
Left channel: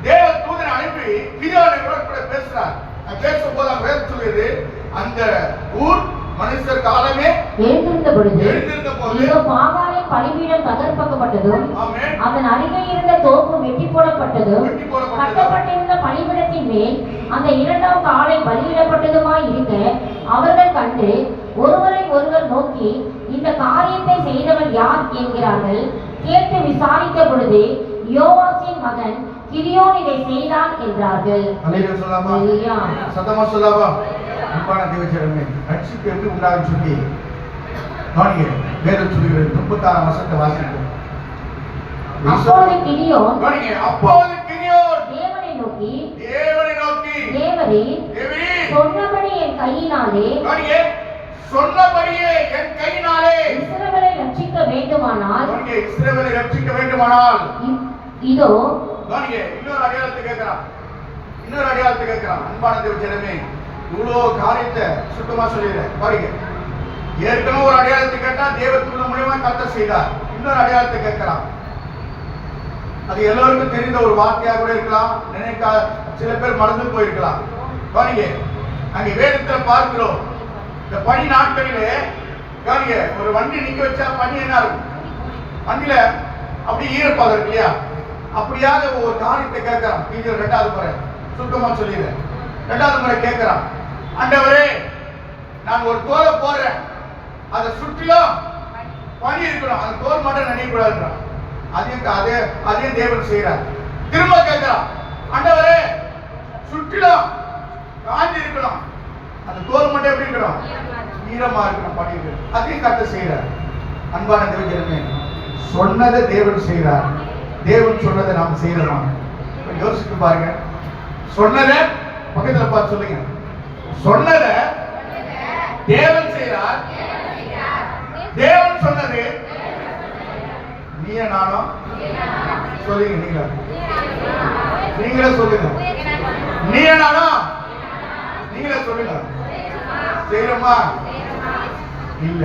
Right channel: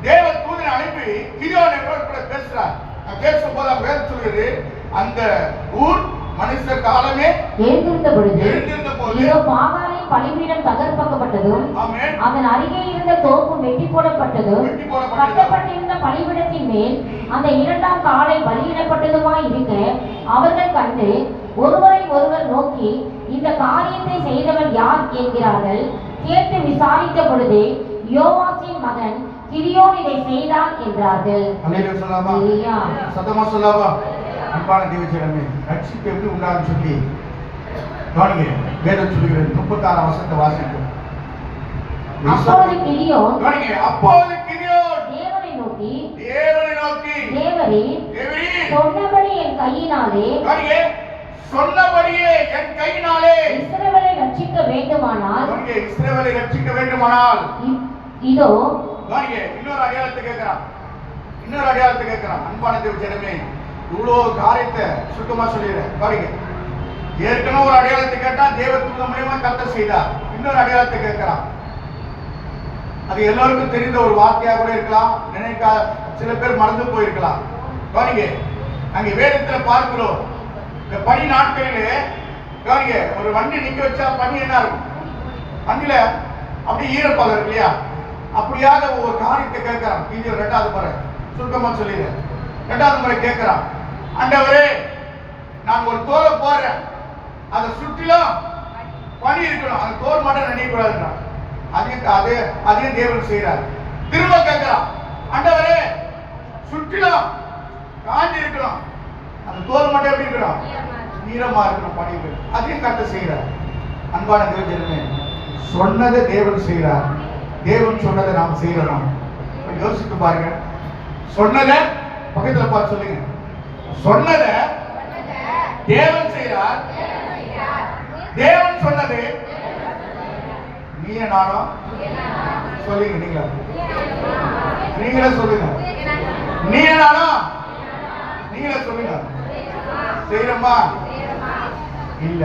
தேவ தூதனை அனுப்பி கிதியோனோட கூட பேசுறார். பேசும் போது வேதம் சொல்லுது, அந்த ஊர் மனுஷர் காலமே எழுந்திருந்த போது இதோ பாகாலின் பலிபீடம் தகர்க்கப்பட்டதும் அதன் அருகே இருந்த தோப்பு வெட்டி போடப்பட்டதும் கட்டப்பட்டிருந்த பலிபீடத்தின் மேல் அந்த இரண்டாம் காலை பலியிடப்பட்டதுமாய் இருக்க அவர்கள் கண்டு ஒருவரை ஒருவர் நோக்கி, இந்த காரியத்தை செய்தவன் யார் என்கிறார்கள். கேட்டு விசாரித்த பொழுது யோவாசின் மகன் கிதியோன் இதை செய்தான் என்றார்கள். அல்லேலூயா. சத்தமா சொல்லாமா? அன்பான தேவஜனமே, ரட்சிப்பு எப்படி உண்டாகும் சொல்லி கவனிங்க. வேதம் சொல்லுகிறது. 36 வசனத்தை வாசிக்கும். அப்போது கிதியோன் தேவனை நோக்கி தேவரீர் சொன்னபடி என் கையினாலே இஸ்ரவேலை ரட்சிக்க வேண்டுமானால் இதோ இன்னொரு அடையாளத்தை கேட்கிறான். அன்பான தேவஜனமே, இவ்வளவு காரியத்தை சுத்தமா சொல்லிடுறேன். பாருங்க, ஏற்கனவே ஒரு அடையாளத்தை கேட்டா தேவத்துவ மூலியமா கர்த்தர் செய்தார். இன்னொரு அடையாளத்தை கேட்கிறான். அது எல்லோருக்கும் தெரிந்த ஒரு வார்த்தையாக கூட இருக்கலாம், நினைக்காத சில பேர் மறந்து போயிருக்கலாம். பாருங்க, அங்கே வேதத்துல பார்க்கிறோம், இந்த பனி நாட்களிலே பாருங்க, ஒரு வண்டி நிக்க வச்சா பனி என்ன இருக்கும்? வண்டியில அப்படி ஈரப்பாக இருக்கு இல்லையா? அப்படியாக ஒரு காரியத்தை கேட்கிறான். இது 2வது முறை சுத்தமா சொல்லிடுறேன். 2வது முறை கேட்கிறான், ஆண்டவரே நான் ஒரு தோலை போடுறேன், அதை சுற்றிலும் பனி இருக்கணும், அந்த தோல் மட்டும் நினைக்கூடாதுன்றான். அதையும் தேவன் செய்யறார். திரும்ப கேட்கிறான், ஆண்டவரே சுற்றிலும் காஞ்சி இருக்கணும், அந்த தோல் மட்டும் எப்படி இருக்கணும்? ஈரமா இருக்கணும், பனி இருக்கணும். அதையும் கர்த்தர் செய்யறார். அன்பான தேவஜனமே, சொன்னதை தேவன் செய்யறார். தேவன் சொன்னதை நாம் செய்யறோம். யோசித்து பாருங்க. சொன்னதை பக்கத்துல பார்த்து சொல்லுங்க. சொன்னதை தேவன் செய்கிறார். தேவன் சொன்னது நீயே நானும் சொல்லுங்க. நீங்களே சொல்லுங்க. நீயே நானும் நீங்களே சொல்லுங்க. செய்யறோமா? இல்ல.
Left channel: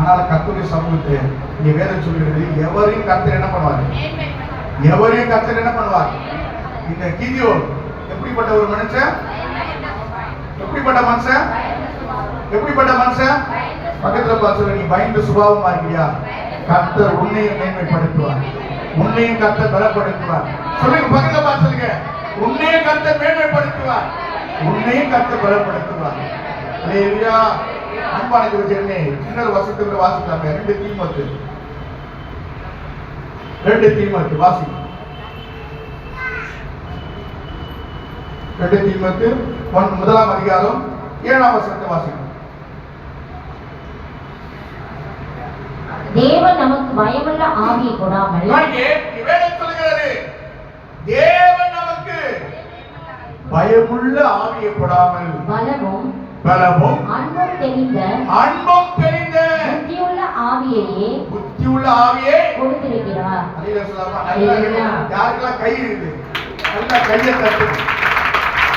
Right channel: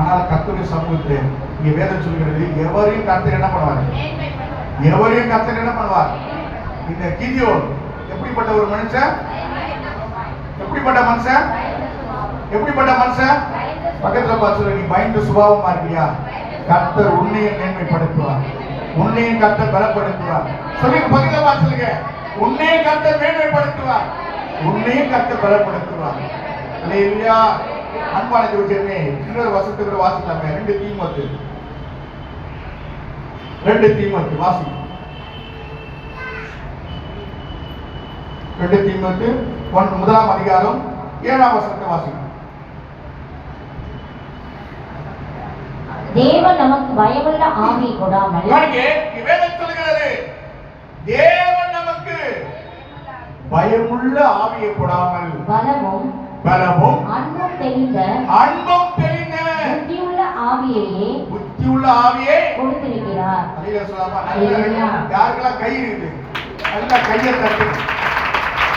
ஆனால் கர்த்தருடைய சமூகத்தை இங்க வேதம் சொல்கிறது, எவரையும் கர்த்தர் என்ன பண்ணுவார்? இந்த கிதியோன் எப்படிப்பட்ட ஒரு மனுஷன்? எப்படிப்பட்ட மனுஷன்? பக்கத்துல பார்த்து சொல்லுங்க, பயந்த சுபாவமா இருக்கியா? கர்த்தர் உன்னையும் மேன்மைப்படுத்துவார், உன்னையும் கர்த்தர் பலப்படுத்துவார். சொல்லுங்க, பக்கத்துல பார்த்து சொல்லுங்க, உன்னையும் கர்த்தர் மேன்மைப்படுத்துவார், உன்னையும் கர்த்தர் பலப்படுத்துவார். அல்லேலூயா. அன்பான தேவஜனமே, இன்னொரு வசனத்தை வாசிக்கலாம். 2 தீமோத்தேயு வாசி. 2 தீமோத்தேயு 1ஆம் அதிகாரம் 7ஆம் வசனத்தை வாசிக்கலாம். தேவன் நமக்கு பயமுள்ள ஆவியை கொடாமல், வேதம் சொல்கிறது, தேவன் நமக்கு பயமுள்ள ஆவியை கொடாமல் பலமும் அன்பும் தெளிந்த புத்தியுள்ள ஆவியை கொடுத்திருக்கிறார். யாருக்கெல்லாம் கை இருக்குது?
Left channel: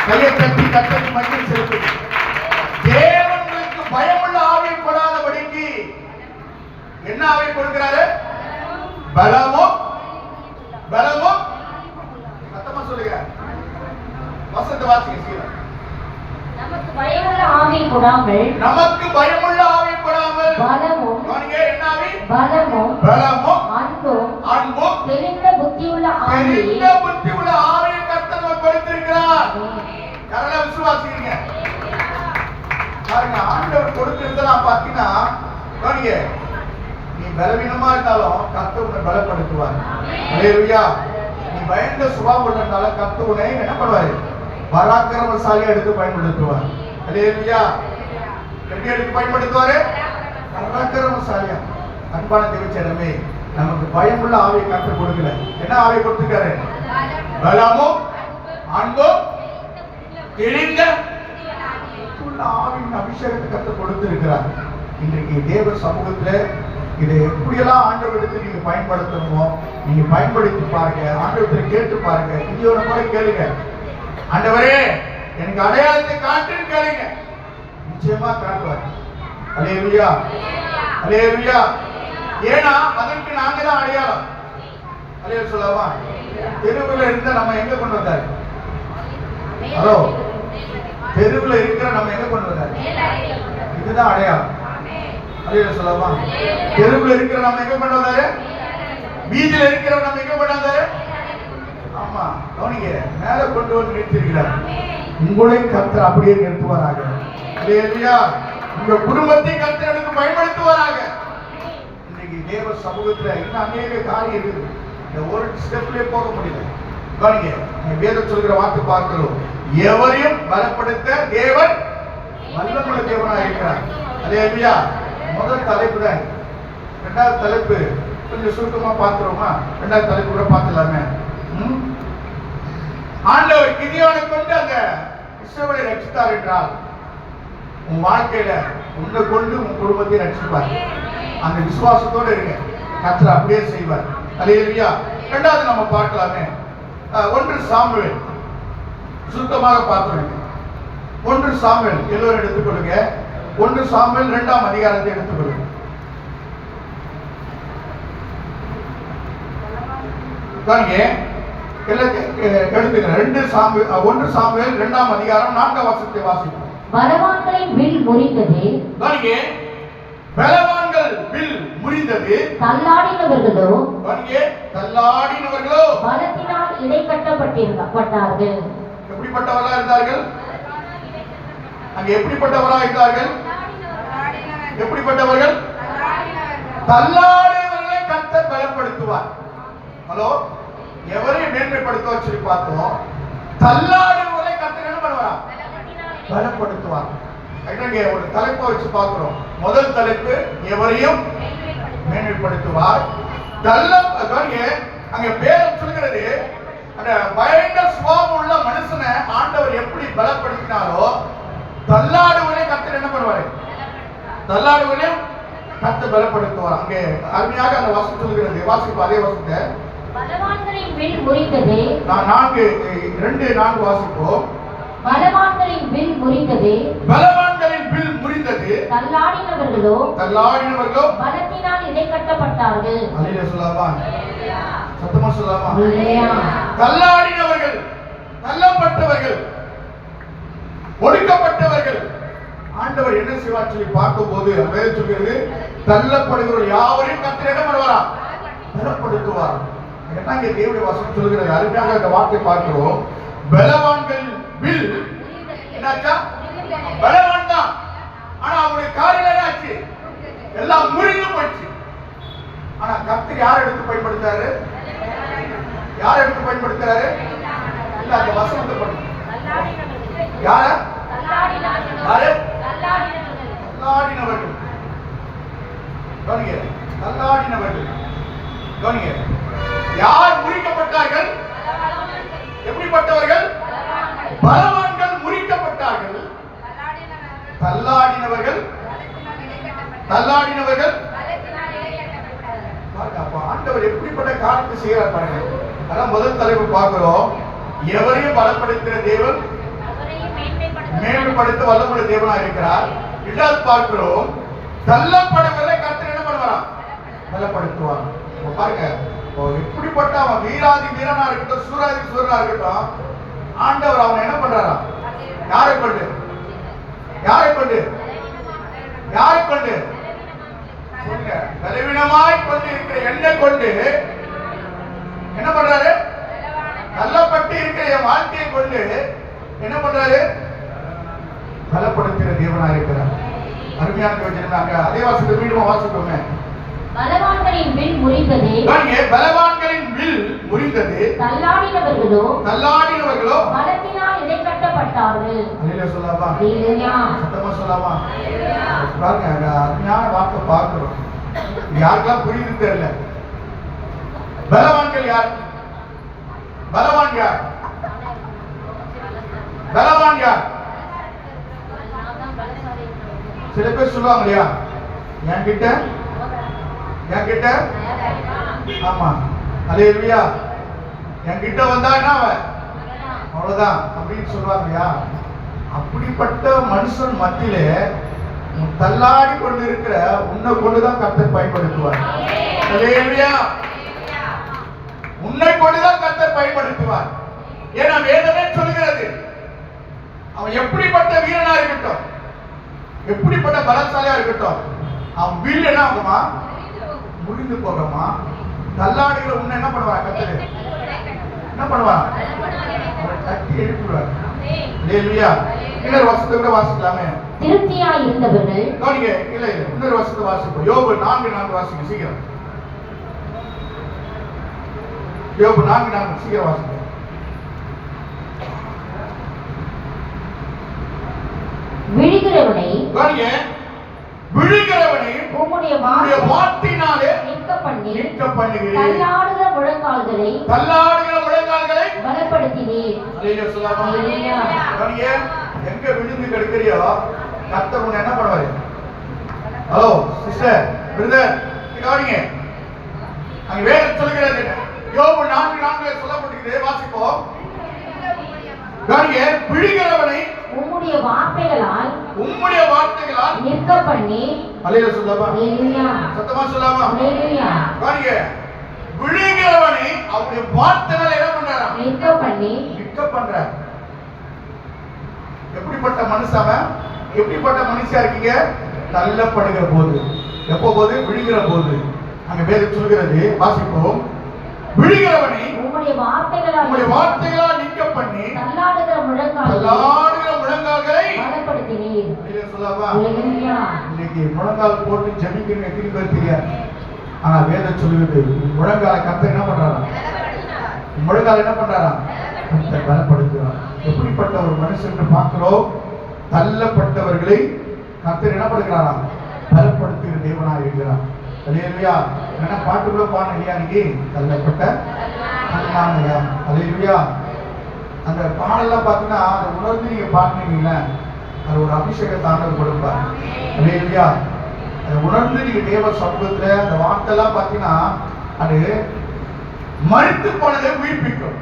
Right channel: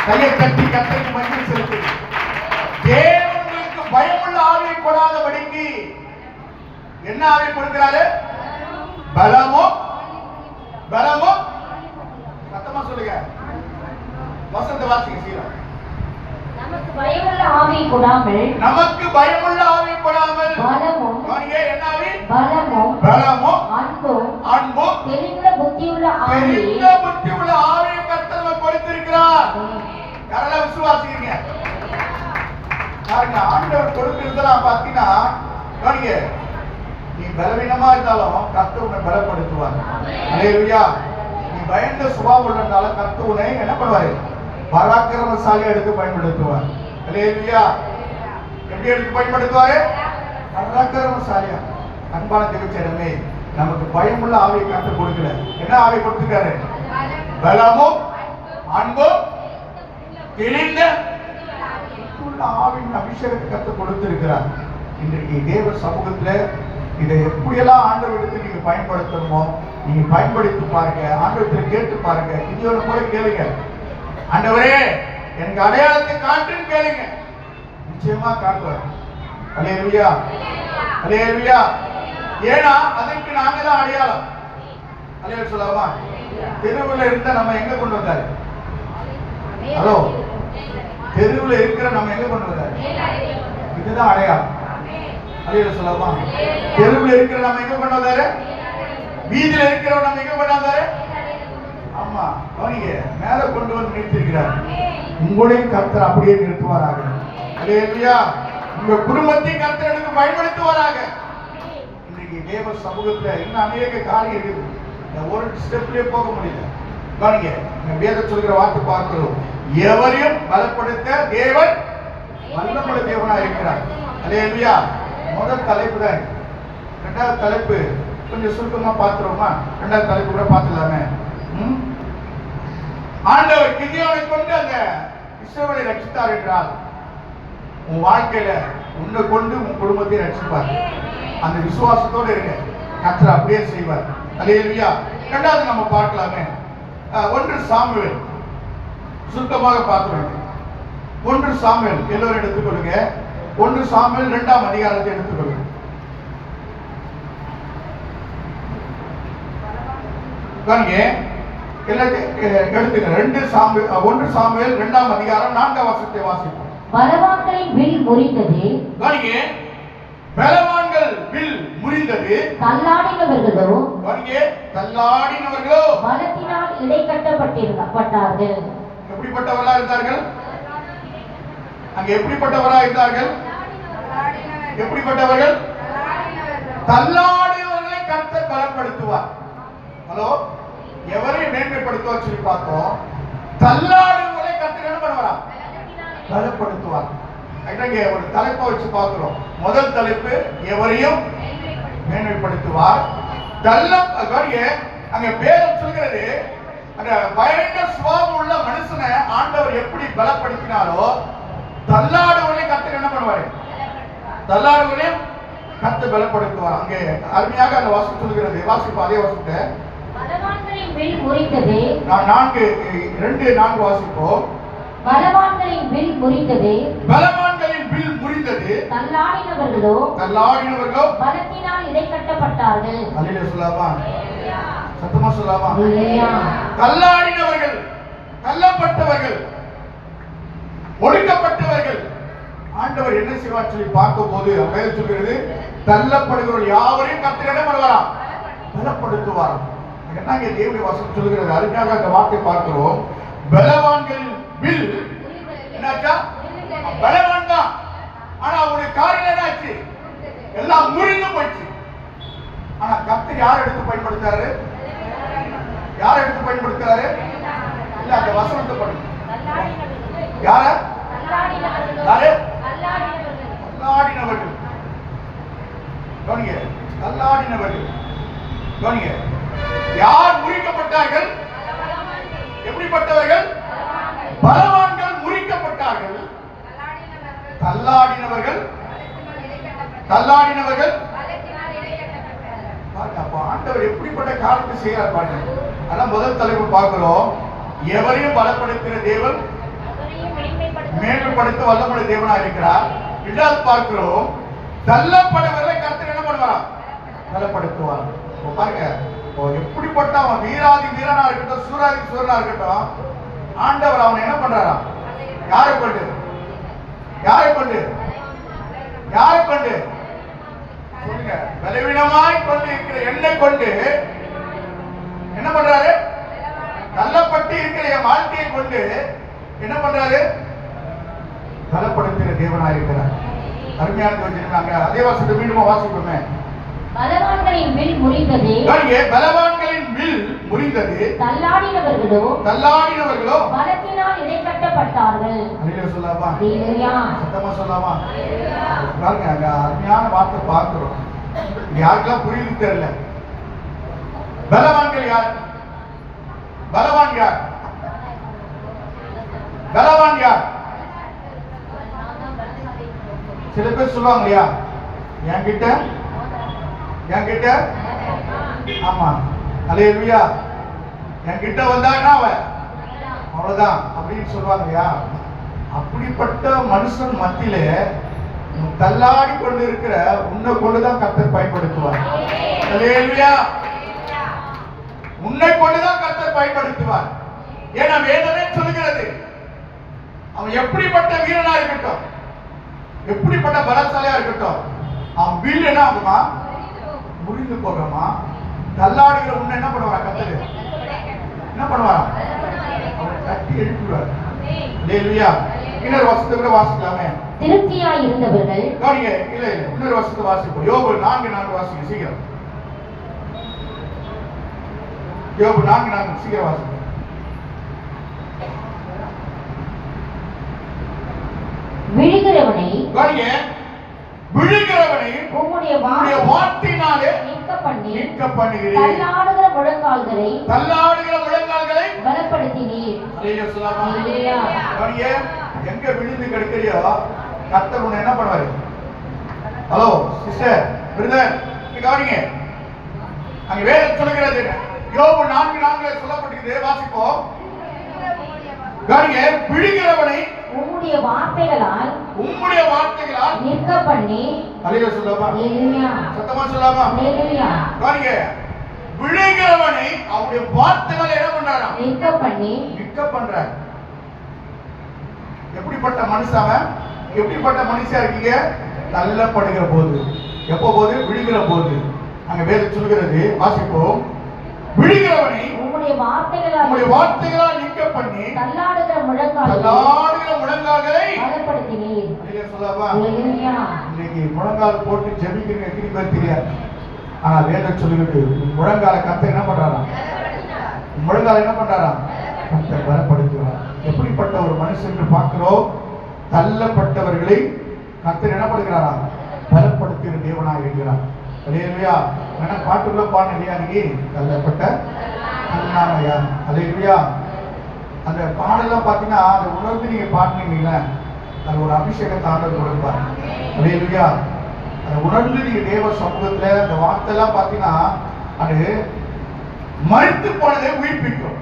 கையை தட்டி கர்த்தருக்கு மகிமை செலுத்துங்க. தேவனுக்கு பயமுள்ள ஆவியை கொடாதபடிக்கு என்ன ஆவியை கொடுக்கிறாரு? பலமும் சத்தமா சொல்லுங்க. வசனத்தை வாசிங்க. சீரா நமக்கு பயமுள்ள ஆவியை கொடாமல் பலமும் என்ன ஆவி? பலமும் அன்பும் தெளிந்த புத்தியுள்ள ஆவியை கர்த்தர் நமக்கு கொடுத்திருக்கிறார். யாரெல்லாம் விசுவாசிக்கிறீங்க? பாருங்க, ஆண்டவர் கொடுத்திருந்தெல்லாம் பாத்தீங்கன்னா பாருங்க, நீ பலவீனமா இருந்தாலும் கர்த்தர் உன்னை பலப்படுத்துவார். அல்லேலூயா. நீ பயந்த சுபாவம் உள்ளதால கர்த்தர் உன்னை என்ன பண்ணுவாரு? பராக்கிரமசாலியா எடுத்து பயன்படுத்துவார். அல்லேலூயா. எப்படி எடுத்து பயன்படுத்துவாரு? பராக்கிரமசாலியா. அன்பான தேவஜனமே, நமக்கு பயமுள்ள ஆவியை கர்த்தர் கொடுக்கல. என்ன ஆவியை கொடுத்திருக்காரு? பலமும் அன்பும் தெளிந்த ஆவியின் அபிஷேகத்தை கர்த்தர் கொடுத்திருக்கிறார். இன்றைக்கு தேவ சமூகத்துல இதை எப்படியெல்லாம் ஆண்டவரிடத்தில் நீங்க பயன்படுத்தணுமோ நீங்க பயன்படுத்தி பாருங்க. ஆண்டவரத்தில் கேட்டு பாருங்க. கிதியோனை போல கேளுங்க, ஆண்டவரே எனக்கு அடையாளத்தை காட்டுன்னு கேளுங்க, நிச்சயமா காட்டுவார். அல்லேலூயா, அல்லேலூயா. ஏன்னா அதற்கு நாங்க தான் அடையாளம். அல்லேலூயா சொல்லலாமா? தெருவில் இருந்த நம்ம எங்க கொண்டு வந்தாரு? ஹலோ, தெருவில் இருக்கிற நம்ம எங்க கொண்டு வந்தாரு? இதுதான் அடையாளம். அல்லேலூயா சொல்லலாமா? தெருவில் இருக்கிற நம்ம எங்க கொண்டு வந்தாரு? வீதியில் இருக்கிற நம்ம எங்க கொண்டு வந்தாரு? ஆமா, கவனிங்க, மேல கொண்டு வந்து நிறுத்திருக்கிறார். உங்களையும் கர்த்தர் அப்படியே நிறுத்துவாராக. அல்லேலூயா. உங்க குடும்பத்தையும் கர்த்தர் எடுத்து பயன்படுத்துவாராக. இன்னைக்கு தேவ சமூகத்துல இன்னும் அநேக காரியம் இருக்குது. இந்த ஒரு ஸ்டெப்லயே போக முடியல. கவனிங்க, நீங்க வேதம் சொல்கிற வார்த்தை பார்க்கிறோம். எவரையும் பலப்படுத்த தேவன் வல்லமுள்ள தேவனா இருக்கிறார். அல்லேலூயா. முதல் தலைப்பு தான். இரண்டாவது தலைப்பு கொஞ்சம் சுருக்கமா பார்க்கிறோமா? இரண்டாவது தலைப்பு கூட பார்த்துலாமே. ஆண்டவர் கிதியோனை கொண்டு அந்த இஸ்ரவேலை ரட்சித்தார் என்றால் உன் வாழ்க்கையில உன்னை கொண்டு உன் குடும்பத்தை ரட்சிப்பார். அந்த விசுவாசத்தோடு இருங்க, கர்த்தர் அப்படியே செய்வார். அல்லேலூயா. இரண்டாவது நம்ம பார்க்கலாமே, 1 சாமுவேல் சுருக்கமாக பார்க்கிறோம். 1 சாமுவேல் எல்லோரும் எடுத்துக்கொள்ளுங்க. 1 சாமுவேல் 2ஆம் அதிகாரத்தை எடுத்துக்கொள்ளுங்க. எடுத்துக்க 1 சாமுவேல் 2ஆம் அதிகாரம் 4ஆம் வசனத்தை வாசிப்போம். பலவான்களின் வில் முறிந்தது. பலவான்கள் வில் முறிந்தது. தள்ளாடினவர்களோ பலத்தினால் இடைக்கட்டப்பட்டார்கள். எப்படிப்பட்டவர்களா இருந்தார்கள்? அங்க எப்படிப்பட்டவர்களா இருந்தார்கள்? எப்படிப்பட்டவர்கள்? தள்ளாடினவர்களை கர்த்தர் பலப்படுத்துவார். ஹலோ, எவரையும் மேன்மைப்படுத்துவார் சொல்லி பார்த்தோம். தள்ளாடுவதை கர்த்தர் என்ன பண்ணுவார்? பலப்படுத்துவார். ஒரு தலைப்பை வச்சு பார்க்கிறோம். முதல் தலைப்பு எவரையும் மேன்மைப்படுத்துவார். அங்க பேரம் சொல்கிறது, அந்த பயங்கர சுபாவம் உள்ள மனுஷனை ஆண்டவர் எப்படி பலப்படுத்தினாரோ தள்ளாடுவதை கர்த்தர் என்ன பண்ணுவாரு? தள்ளாடுவதையும் கர்த்தர் பலப்படுத்துவார். அங்கே அருமையாக அந்த வாசம் சொல்கிறது. வாசிப்போம் அதே வாசத்தை. பலவான்களின் வில் முறிந்தது. 4 வாசிப்போம். பலவான்களின் வில் முறிந்தது. பலவான்களின் வில் முறிந்தது. தள்ளாடினவர்களோ பலத்தினால் இடைக்கட்டப்பட்டார்கள். அல்லேலூயா சொல்லலாமா? சத்தமா சொல்லலாமா? தள்ளாடினவர்கள், தள்ளப்பட்டவர்கள், ஒடுக்கப்பட்டவர்கள் ஆண்டவர் என்ன செய்வார் சொல்லி பார்க்கும்போது வேதம் சொல்கிறது, தள்ளப்படுகிற யாவரையும் கர்த்தர் என்ன பண்ணுவாராம்? பலப்படுத்துவார். என்னங்க தேவனுடைய வசனம் சொல்கிறது? அருமையாக அந்த வார்த்தை பார்க்கிறோம். பலவான்கள் வில் என்னாச்சா? பலவான் தான், ஆனா அவருடைய காரியம் என்னாச்சு? எல்லாம் முறிந்து போச்சு. ஆனா கர்த்தர் யார் எடுத்து பயன்படுத்துறாரு? யார் எடுத்து பயன்படுத்துறாரு? இல்ல, அந்த வசனத்தை பண்ணுங்க. யார? யாரு? தள்ளாடினவர்கள். கவனிங்க, தள்ளாடினவர்கள். கவனிங்க, யார் முறிக்கப்பட்டார்கள்? எப்படிப்பட்டவர்கள்? பலவான்கள் முறிக்கப்பட்டார்கள். தள்ளாடினவர்கள் அப்ப ஆண்டவர் எப்படிப்பட்ட காரியத்தை செய்கிறார் பாருங்க. அதான் முதல் தலைப்பு பார்க்கிறோம். எவரையும் பலப்படுத்துகிற தேவன் மேன்மைப்படுத்த வல்லமுள்ள தேவனா இருக்கிறார். இரண்டாவது பார்க்கிறோம், தள்ளப்படுவதை கர்த்தர் என்ன பண்ணுவாரா? பலப்படுத்துவார். பாருங்க, எப்படிப்பட்ட அவன் வீராதி வீரனா இருக்கட்டும், சூராதி சூரனா இருக்கட்டும், ஆண்டவர் அவன் என்ன பண்றாரா? யாரை கொண்டு? யாரை கொண்டு? யாரை கொண்டு? சொல்லுங்க. பலவீனமாய் கொண்டு இருக்கிற என்னை கொண்டு என்ன பண்றாரு? தள்ளப்பட்டு இருக்கிற என் வாழ்க்கையை கொண்டு என்ன பண்றாரு? பலப்படுத்துகிற தேவனா இருக்கிறார். அருமையான வச்சிருந்தாங்க. அதே வாசத்தை மீண்டும் வாசிப்போமே. பலவான்களின் வில் முறிந்தது. பலவான்களின் வில் முறிந்தது. தள்ளாடினவர்களோ பலத்தினால் இடைக்கட்டப்பட்டார்கள். அல்லேலூயா சொல்லலாமா? அல்லேலூயா. சத்தமா சொல்லலாமா? பாருங்க, அந்த அருமையான வார்த்தை பார்க்கிறோம். யாருக்கெல்லாம் புரியுது தெரியல. பலவான்கள் யார்? பலவான் யார்? பலவான் யார்? சில பேர் சொல்லுவாங்க இல்லையா, என்கிட்ட என்கிட்ட ஆமா அல்லேலூயா என்கிட்ட வந்தா என்ன அவன் அவ்வளவுதான் அப்படின்னு சொல்லுவாங்கயா. அப்படிப்பட்ட மனுஷன் மத்தியிலே தள்ளாடி கொண்டு இருக்கிற உன்னை கொண்டுதான் கர்த்தர் பயன்படுத்துவார். அல்லேலூயா உன்னை கொண்டுதான் கர்த்தர் பயன்படுத்துவார். ஏன்னா வேதமே சொல்லுகிறது அவன் எப்படிப்பட்ட வீரனா இருக்கட்டும், எப்படிப்பட்ட பலசாலியா இருக்கட்டும், அவன் வில் என்ன ஆகுமா, முறிந்து போகமா. தள்ளாடுகிற உன்னை என்ன பண்ணுவாரா கர்த்தர், என்ன பண்ணுவாரா, அவன் தட்டி எழுப்பிடுவார். அல்லேலூயா. இன்னொரு வசனத்தை கூட வாசிக்கலாமே. திருப்தியாய் இருந்தவர்கள் கவனிங்க, இல்ல இன்னொரு வசனத்தை வாசிப்போம். யோபு 4:4 வாசிங்க சீக்கிரம். யோபு 4:4 சீக்கிரம் வாசிங்க. விழுகிறவனை கவனிங்க, விழுகிறவனை உம்முடைய வார்த்தையினாலே நிற்க பண்ணி பண்ணுகிறீர். தள்ளாடுகிற முழங்கால்களை பலப்படுத்தினீர். அல்லேலூயா. கவனிங்க, எங்க விழுந்து கிடக்கிறியோ கர்த்தர் உன்னை என்ன பண்ணுவாரு. ஹலோ சிஸ்டர் பிரதர் கவனிங்க, அங்க வேதம் சொல்லுகிறது யோபு 4:4 சொல்லப்பட்டிருக்கிறது. வாசிப்போம். கவனிங்க, விழுகிறவனை உம்முடைய வார்த்தைகளால் நிற்க பண்ணி. அல்லேலூயா சொல்லாமா, சத்தமா சொல்லாமா. அல்லேலூயா. கவனிங்க, விழுகிறவனை அவருடைய வார்த்தைகளை என்ன பண்றாராம், நிற்க பண்றார். எப்படிப்பட்ட மனுஷன், எப்படிப்பட்ட மனுஷா இருக்கீங்க, தள்ளப்படுகிற போது, எப்போ போது, விழுகிற போது. அங்க வேதம் சொல்கிறது, வாசிப்போம். விழுகிறவனை உம்முடைய வார்த்தைகளால் நிற்க பண்ணி தள்ளாடுகிற முழங்கால்களை பலப்படுத்தினீர். சொல்லவா, இன்னைக்கு முழங்கால் போட்டு ஜெபிக்கணும் எப்படி தெரியாது. ஆனா வேதம் சொல்லுகிறது முழங்கால கர்த்தர் என்ன பண்றாராம், முழங்கால என்ன பண்றாராம், கர்த்தர் பலப்படுத்துவார். எப்படிப்பட்ட ஒரு மனுஷன் பார்க்கிறோம், தள்ளப்பட்டவர்களை கர்த்தர் என்ன பண்ணுகிறாராம், பலப்படுத்துகிற தேவனாக இருக்கிறார். அல்லேலூயா. என்ன பாட்டுக்குள்ள பாடுங்க அன்னைக்கு, தள்ளப்பட்ட கண்ணானையா. அல்லேலூயா. அந்த பாடெல்லாம் பார்த்தீங்கன்னா அதை உணர்ந்து நீங்க பாடுனீங்கல்ல, அது ஒரு அபிஷேகத்தை ஆண்டவர் கொடுப்பார். அல்லேலூயா. அதை உணர்ந்து நீங்க தேவ சமூகத்துல அந்த வார்த்தைலாம் பார்த்தீங்கன்னா அது மரித்து போனதை உயிர்ப்பிக்கும்,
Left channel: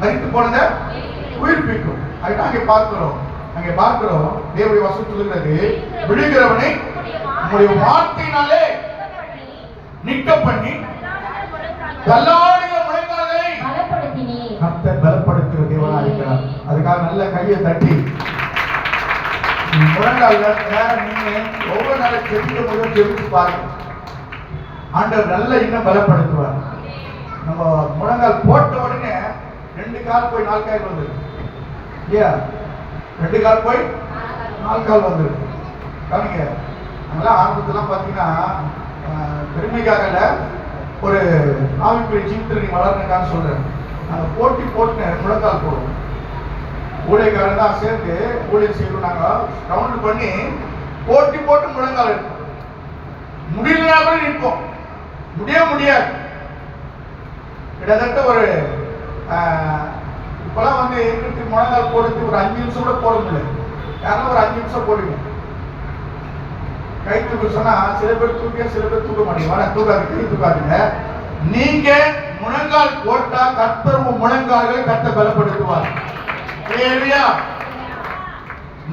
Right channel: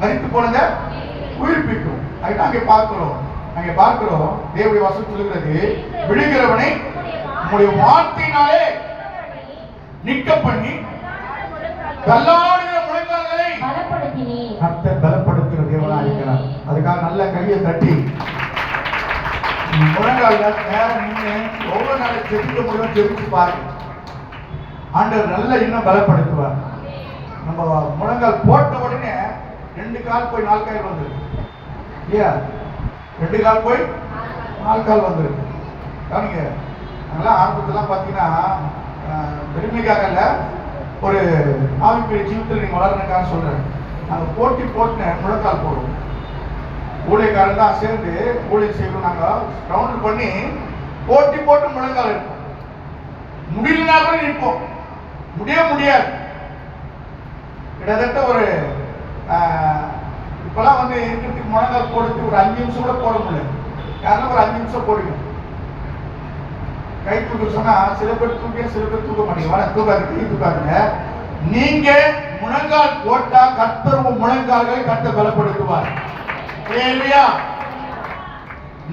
மரித்து போனதை உயிர்ப்பிக்கும். அதுதான் அங்கே பார்க்கிறோம். தேவனுடைய வசனம் சொல்லுகிறது, விழுகிறவனை உங்களுடைய வார்த்தையினாலே நிற்க பண்ணி தள்ளாடுகிற முழங்கால்களை கர்த்தர் பலப்படுத்துகிற தேவனாக இருக்கிறார். அதுக்காக நல்ல கையை தட்டி முழங்கால நேரம் நின்று ஒவ்வொரு நாளும் செபிக்க முதல் செபிச்சு பாருங்க. ஆண்டவர் நல்ல இன்னும் பலப்படுத்துவார். நம்ம முழங்கால் போட்ட உடனே 2 கால் போய் 4 கால் வந்துருக்கு இல்லையா, 2 கால் போய் 4 கால் வந்துருக்கு. கவனிங்க, அதெல்லாம் ஆரம்பத்தெல்லாம் பார்த்தீங்கன்னா பெருமைக்காகல, ஒரு ஆவிக்குரிய ஜீவிதத்தில் நீங்கள் வளர்றதுக்காக சொல்கிறேன். நாங்கள் போட்டி போட்டு முழங்கால் போடுவோம். ஊழியக்காரன் தான் சேர்ந்து ஊழியர் செய்வோம். நாங்கள் ரவுண்டு பண்ணி போட்டி போட்டு முழங்கால் இருப்போம். முடியலனா கூட நிற்போம், முடியாது. கிட்டத்தட்ட ஒரு இப்பெல்லாம் வந்து இருக்கிறதுக்கு முழங்கால் போடுறதுக்கு ஒரு 5 நிமிஷம் கூட போட முடியாது. யாருன்னா ஒரு 5 நிமிஷம் போடுங்க. கை தூக்க சொன்னா சில பேர் தூக்க, சில பேர் தூக்க மாட்டீங்க. தூக்காது, கை தூக்காதுங்க. நீங்க முழங்கால் போட்டா கர்த்தர் முழங்கால்களை கர்த்தர் பலப்படுத்துவார். அல்லேலூயா.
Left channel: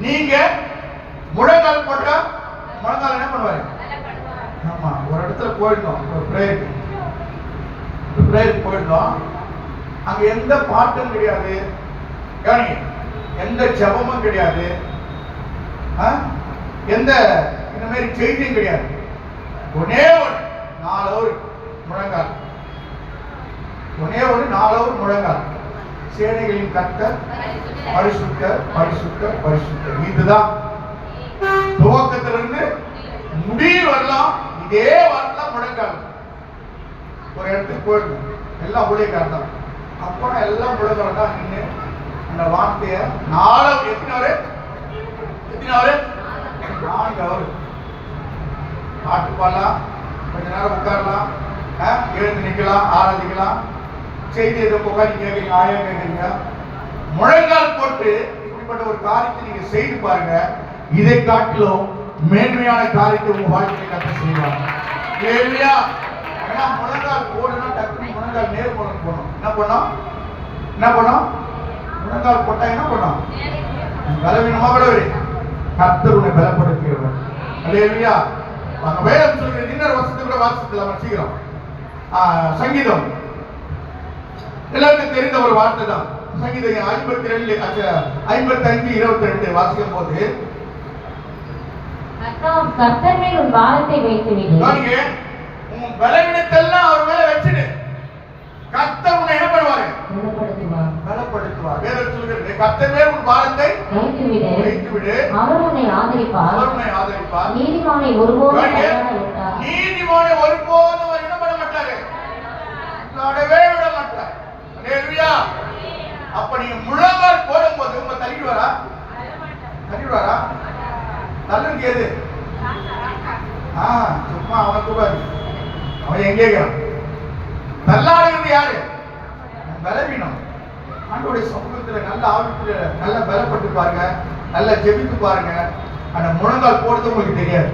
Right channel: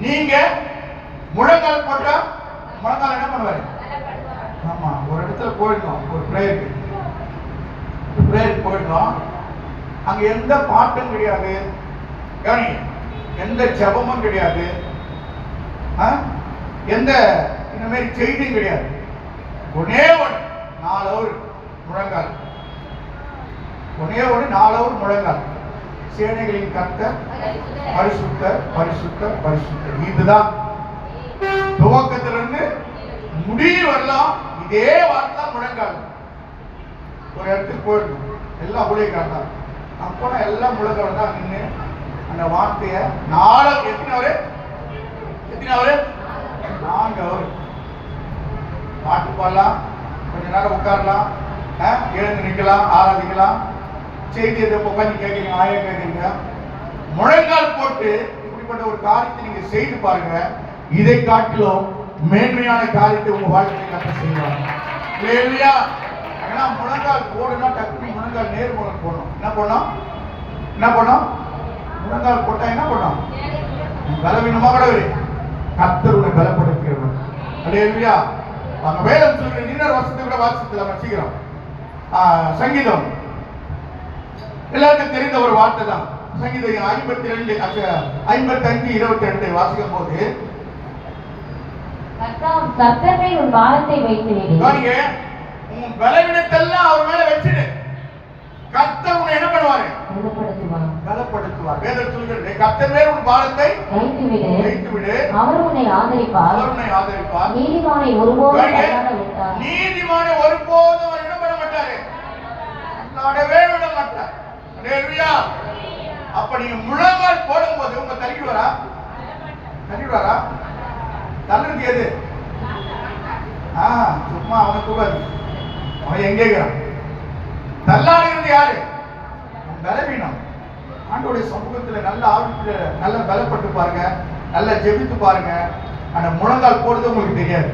நீங்க முழங்கால் போட்டா முழங்கால் என்ன பண்ணுவாரு, ஆமா ஒரு இடத்துல போயிடணும், ஒரு பிரேயருக்கு போயிடணும். அங்க எந்த பாட்டும் கிடையாது, கவனிங்க, எந்த ஜபமும் கிடையாது, எந்த இந்த மாதிரி செய்தியும் கிடையாது. ஒன்னே 4 ஹவர் முழங்கால், ஒன்னே 4 ஹவர் முழங்கால். சேனைகளின் கர்த்தர் பரிசுத்தர். இதுதான் துவக்கத்திலிருந்து முடிவு வரலாம். இதே வார்த்தை முழங்கால். ஒரு இடத்துக்கு போயிடணும், எல்லாம் ஊழியக்காரர் தான். அப்போனா எல்லாம் முழங்கால் தான் நின்று அந்த வார்த்தைய 4 எத்தனை ஹவர் 4 ஹவர் பாட்டு பாடலாம், கொஞ்ச நேரம் உட்காரலாம், எழுந்து நிற்கலாம், ஆராதிக்கலாம். செய்தி எதை உட்காந்து கேட்குறீங்க, ஆயா கேட்குறீங்க. முழங்கால் போட்டு இப்படிப்பட்ட ஒரு காரியத்தை நீங்க செய்து பாருங்க. இதை காட்டிலும் மேன்மையான காரியத்தை உங்க வாழ்க்கையை கற்று செய்வாங்க. இல்லையா? ஏன்னா முழங்கால் போடுனா டக்குனு முழங்கால் நேர் முழங்கால் போடணும். என்ன பண்ணோம்? முழங்கால் போட்டா என்ன பண்ணோம்? பலவீனமா விடவே கர்த்தர் உன்னை பலப்படுத்துகிறவர். அல்லேலூயா. அங்க வேதம் சொல்லுகிற இன்னொரு வசனத்தை கூட வாசிக்கலாம் சீக்கிரம். சங்கீதம் எல்லாருக்கும் தெரிந்த ஒரு வார்த்தை தான். சங்கீதம் 55:22 வாசிக்கும் போது கர்த்தர் மேல் உன் பாரத்தை வைத்து விடு. பாருங்க, உன் பலவீனத்தெல்லாம் அவர் மேல வச்சிடு. கர்த்தர் உன்னை என்ன பண்ணுவாரு? பலப்படுத்துவார். வேதம் சொல்கிறது கர்த்தர் மேல் உன் பாரத்தை வைத்து விடு. அவர் உன்னை ஆதரிப்பார். நீதிமானை ஒருபோதும் என்ன பண்ண மாட்டாரு? நடவே விட மாட்டார். அல்லேலூயா. அப்ப நீங்க முழங்கால் போடும்போது உங்க தள்ளிடுவாரா? தள்ளுறது எது? சும்மா அவனை கூடாது. அவன் எங்கே இருக்கிறான்? தள்ளாடுகிறது யாரு? பலவீனம். ஆண்டவருடைய சமூகத்துல நல்ல ஆவித்துல நல்ல பலப்பட்டு பாருங்க, நல்லா ஜெபித்து பாருங்க. ஆனா முழங்கால் போடுறது உங்களுக்கு தெரியாது.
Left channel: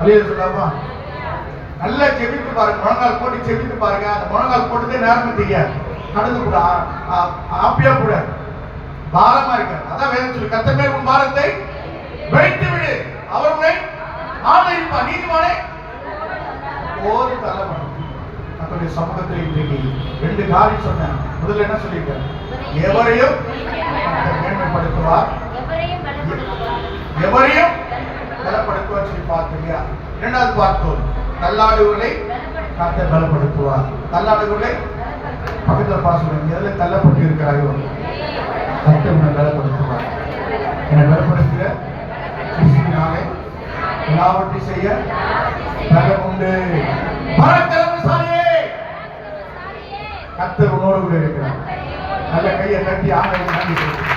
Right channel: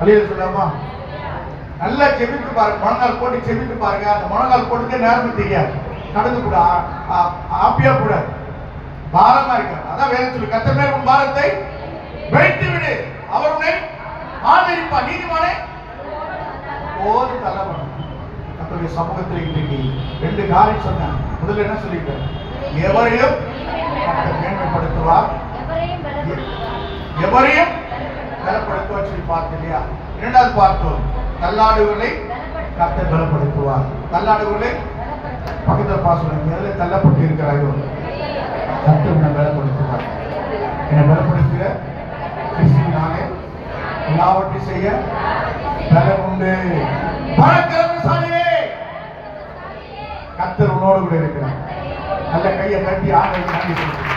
அல்லேலூயா சொல்லாமா? நல்லா ஜெபித்து பாருங்க, முழங்கால் போட்டு ஜெபித்து பாருங்க. அந்த முழங்கால் போட்டதே நேரமும் தெரியாது. கடந்து கூட ஆப்பியா கூட பாரமா இருக்காது. அதான் வேதம் சொல்லு, கர்த்தர் மேல் உன் பாரத்தை வைத்து விடு, அவர் உன்னை ஆதரிப்பார். நீதிமானே போது தள்ளப்படும். நம்முடைய சமூகத்தில் இன்றைக்கு 2 காரியம் சொன்னேன். முதல்ல என்ன சொல்லிட்டார்? எவரையும் மேன்மைப்படுத்துவார், எவரையும் பலப்படுத்துவார் சொல்லி பார்த்தோம் இல்லையா? இரண்டாவது பார்த்தோம், தள்ளாடுகளை கர்த்தர் பலப்படுத்துவார். தள்ளாடுகளை பக்கத்தில் பாசம் எதில் தள்ளப்பட்டு இருக்கிறாயோ கர்த்தர் உன்னை பலப்படுத்துவார். என்னை பலப்படுத்துகிற கிறிஸ்துவினாலே எல்லாவற்றையும் செய்ய பலம் உண்டு. பராக்கிரமசாலியே, கர்த்தர் உன்னோடு கூட இருக்கிறார். நல்ல கையை தட்டி ஆண்டவரை நன்றி சொல்லுங்கள்.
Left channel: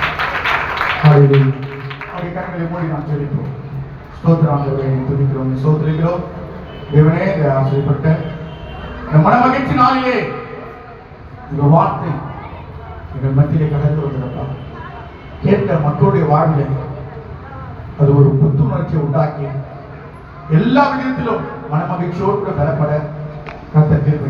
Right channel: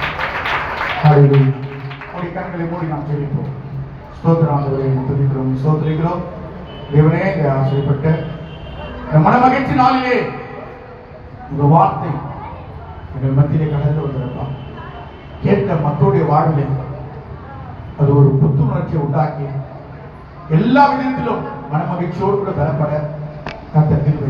அவருடைய கண்களை மூடி நாம் ஜெபிப்போம். ஸ்தோத்திரம் ஆண்டவரே, துதிக்கிறோம், ஸ்தோத்திரிக்கிறோம். தேவனே, இந்த ஆசைப்பட்ட இந்த மனமகிழ்ச்சி நாளிலே இந்த வார்த்தை எங்கள் மத்தியிலே கடந்து வந்திருப்பா. கேட்ட மக்களுடைய வாழ்விலே அது ஒரு புத்துணர்ச்சியை உண்டாக்கி எல்லா விதத்திலும் மனமகிழ்ச்சியோடு கூட பெறப்பட கர்த்தர் கிருபை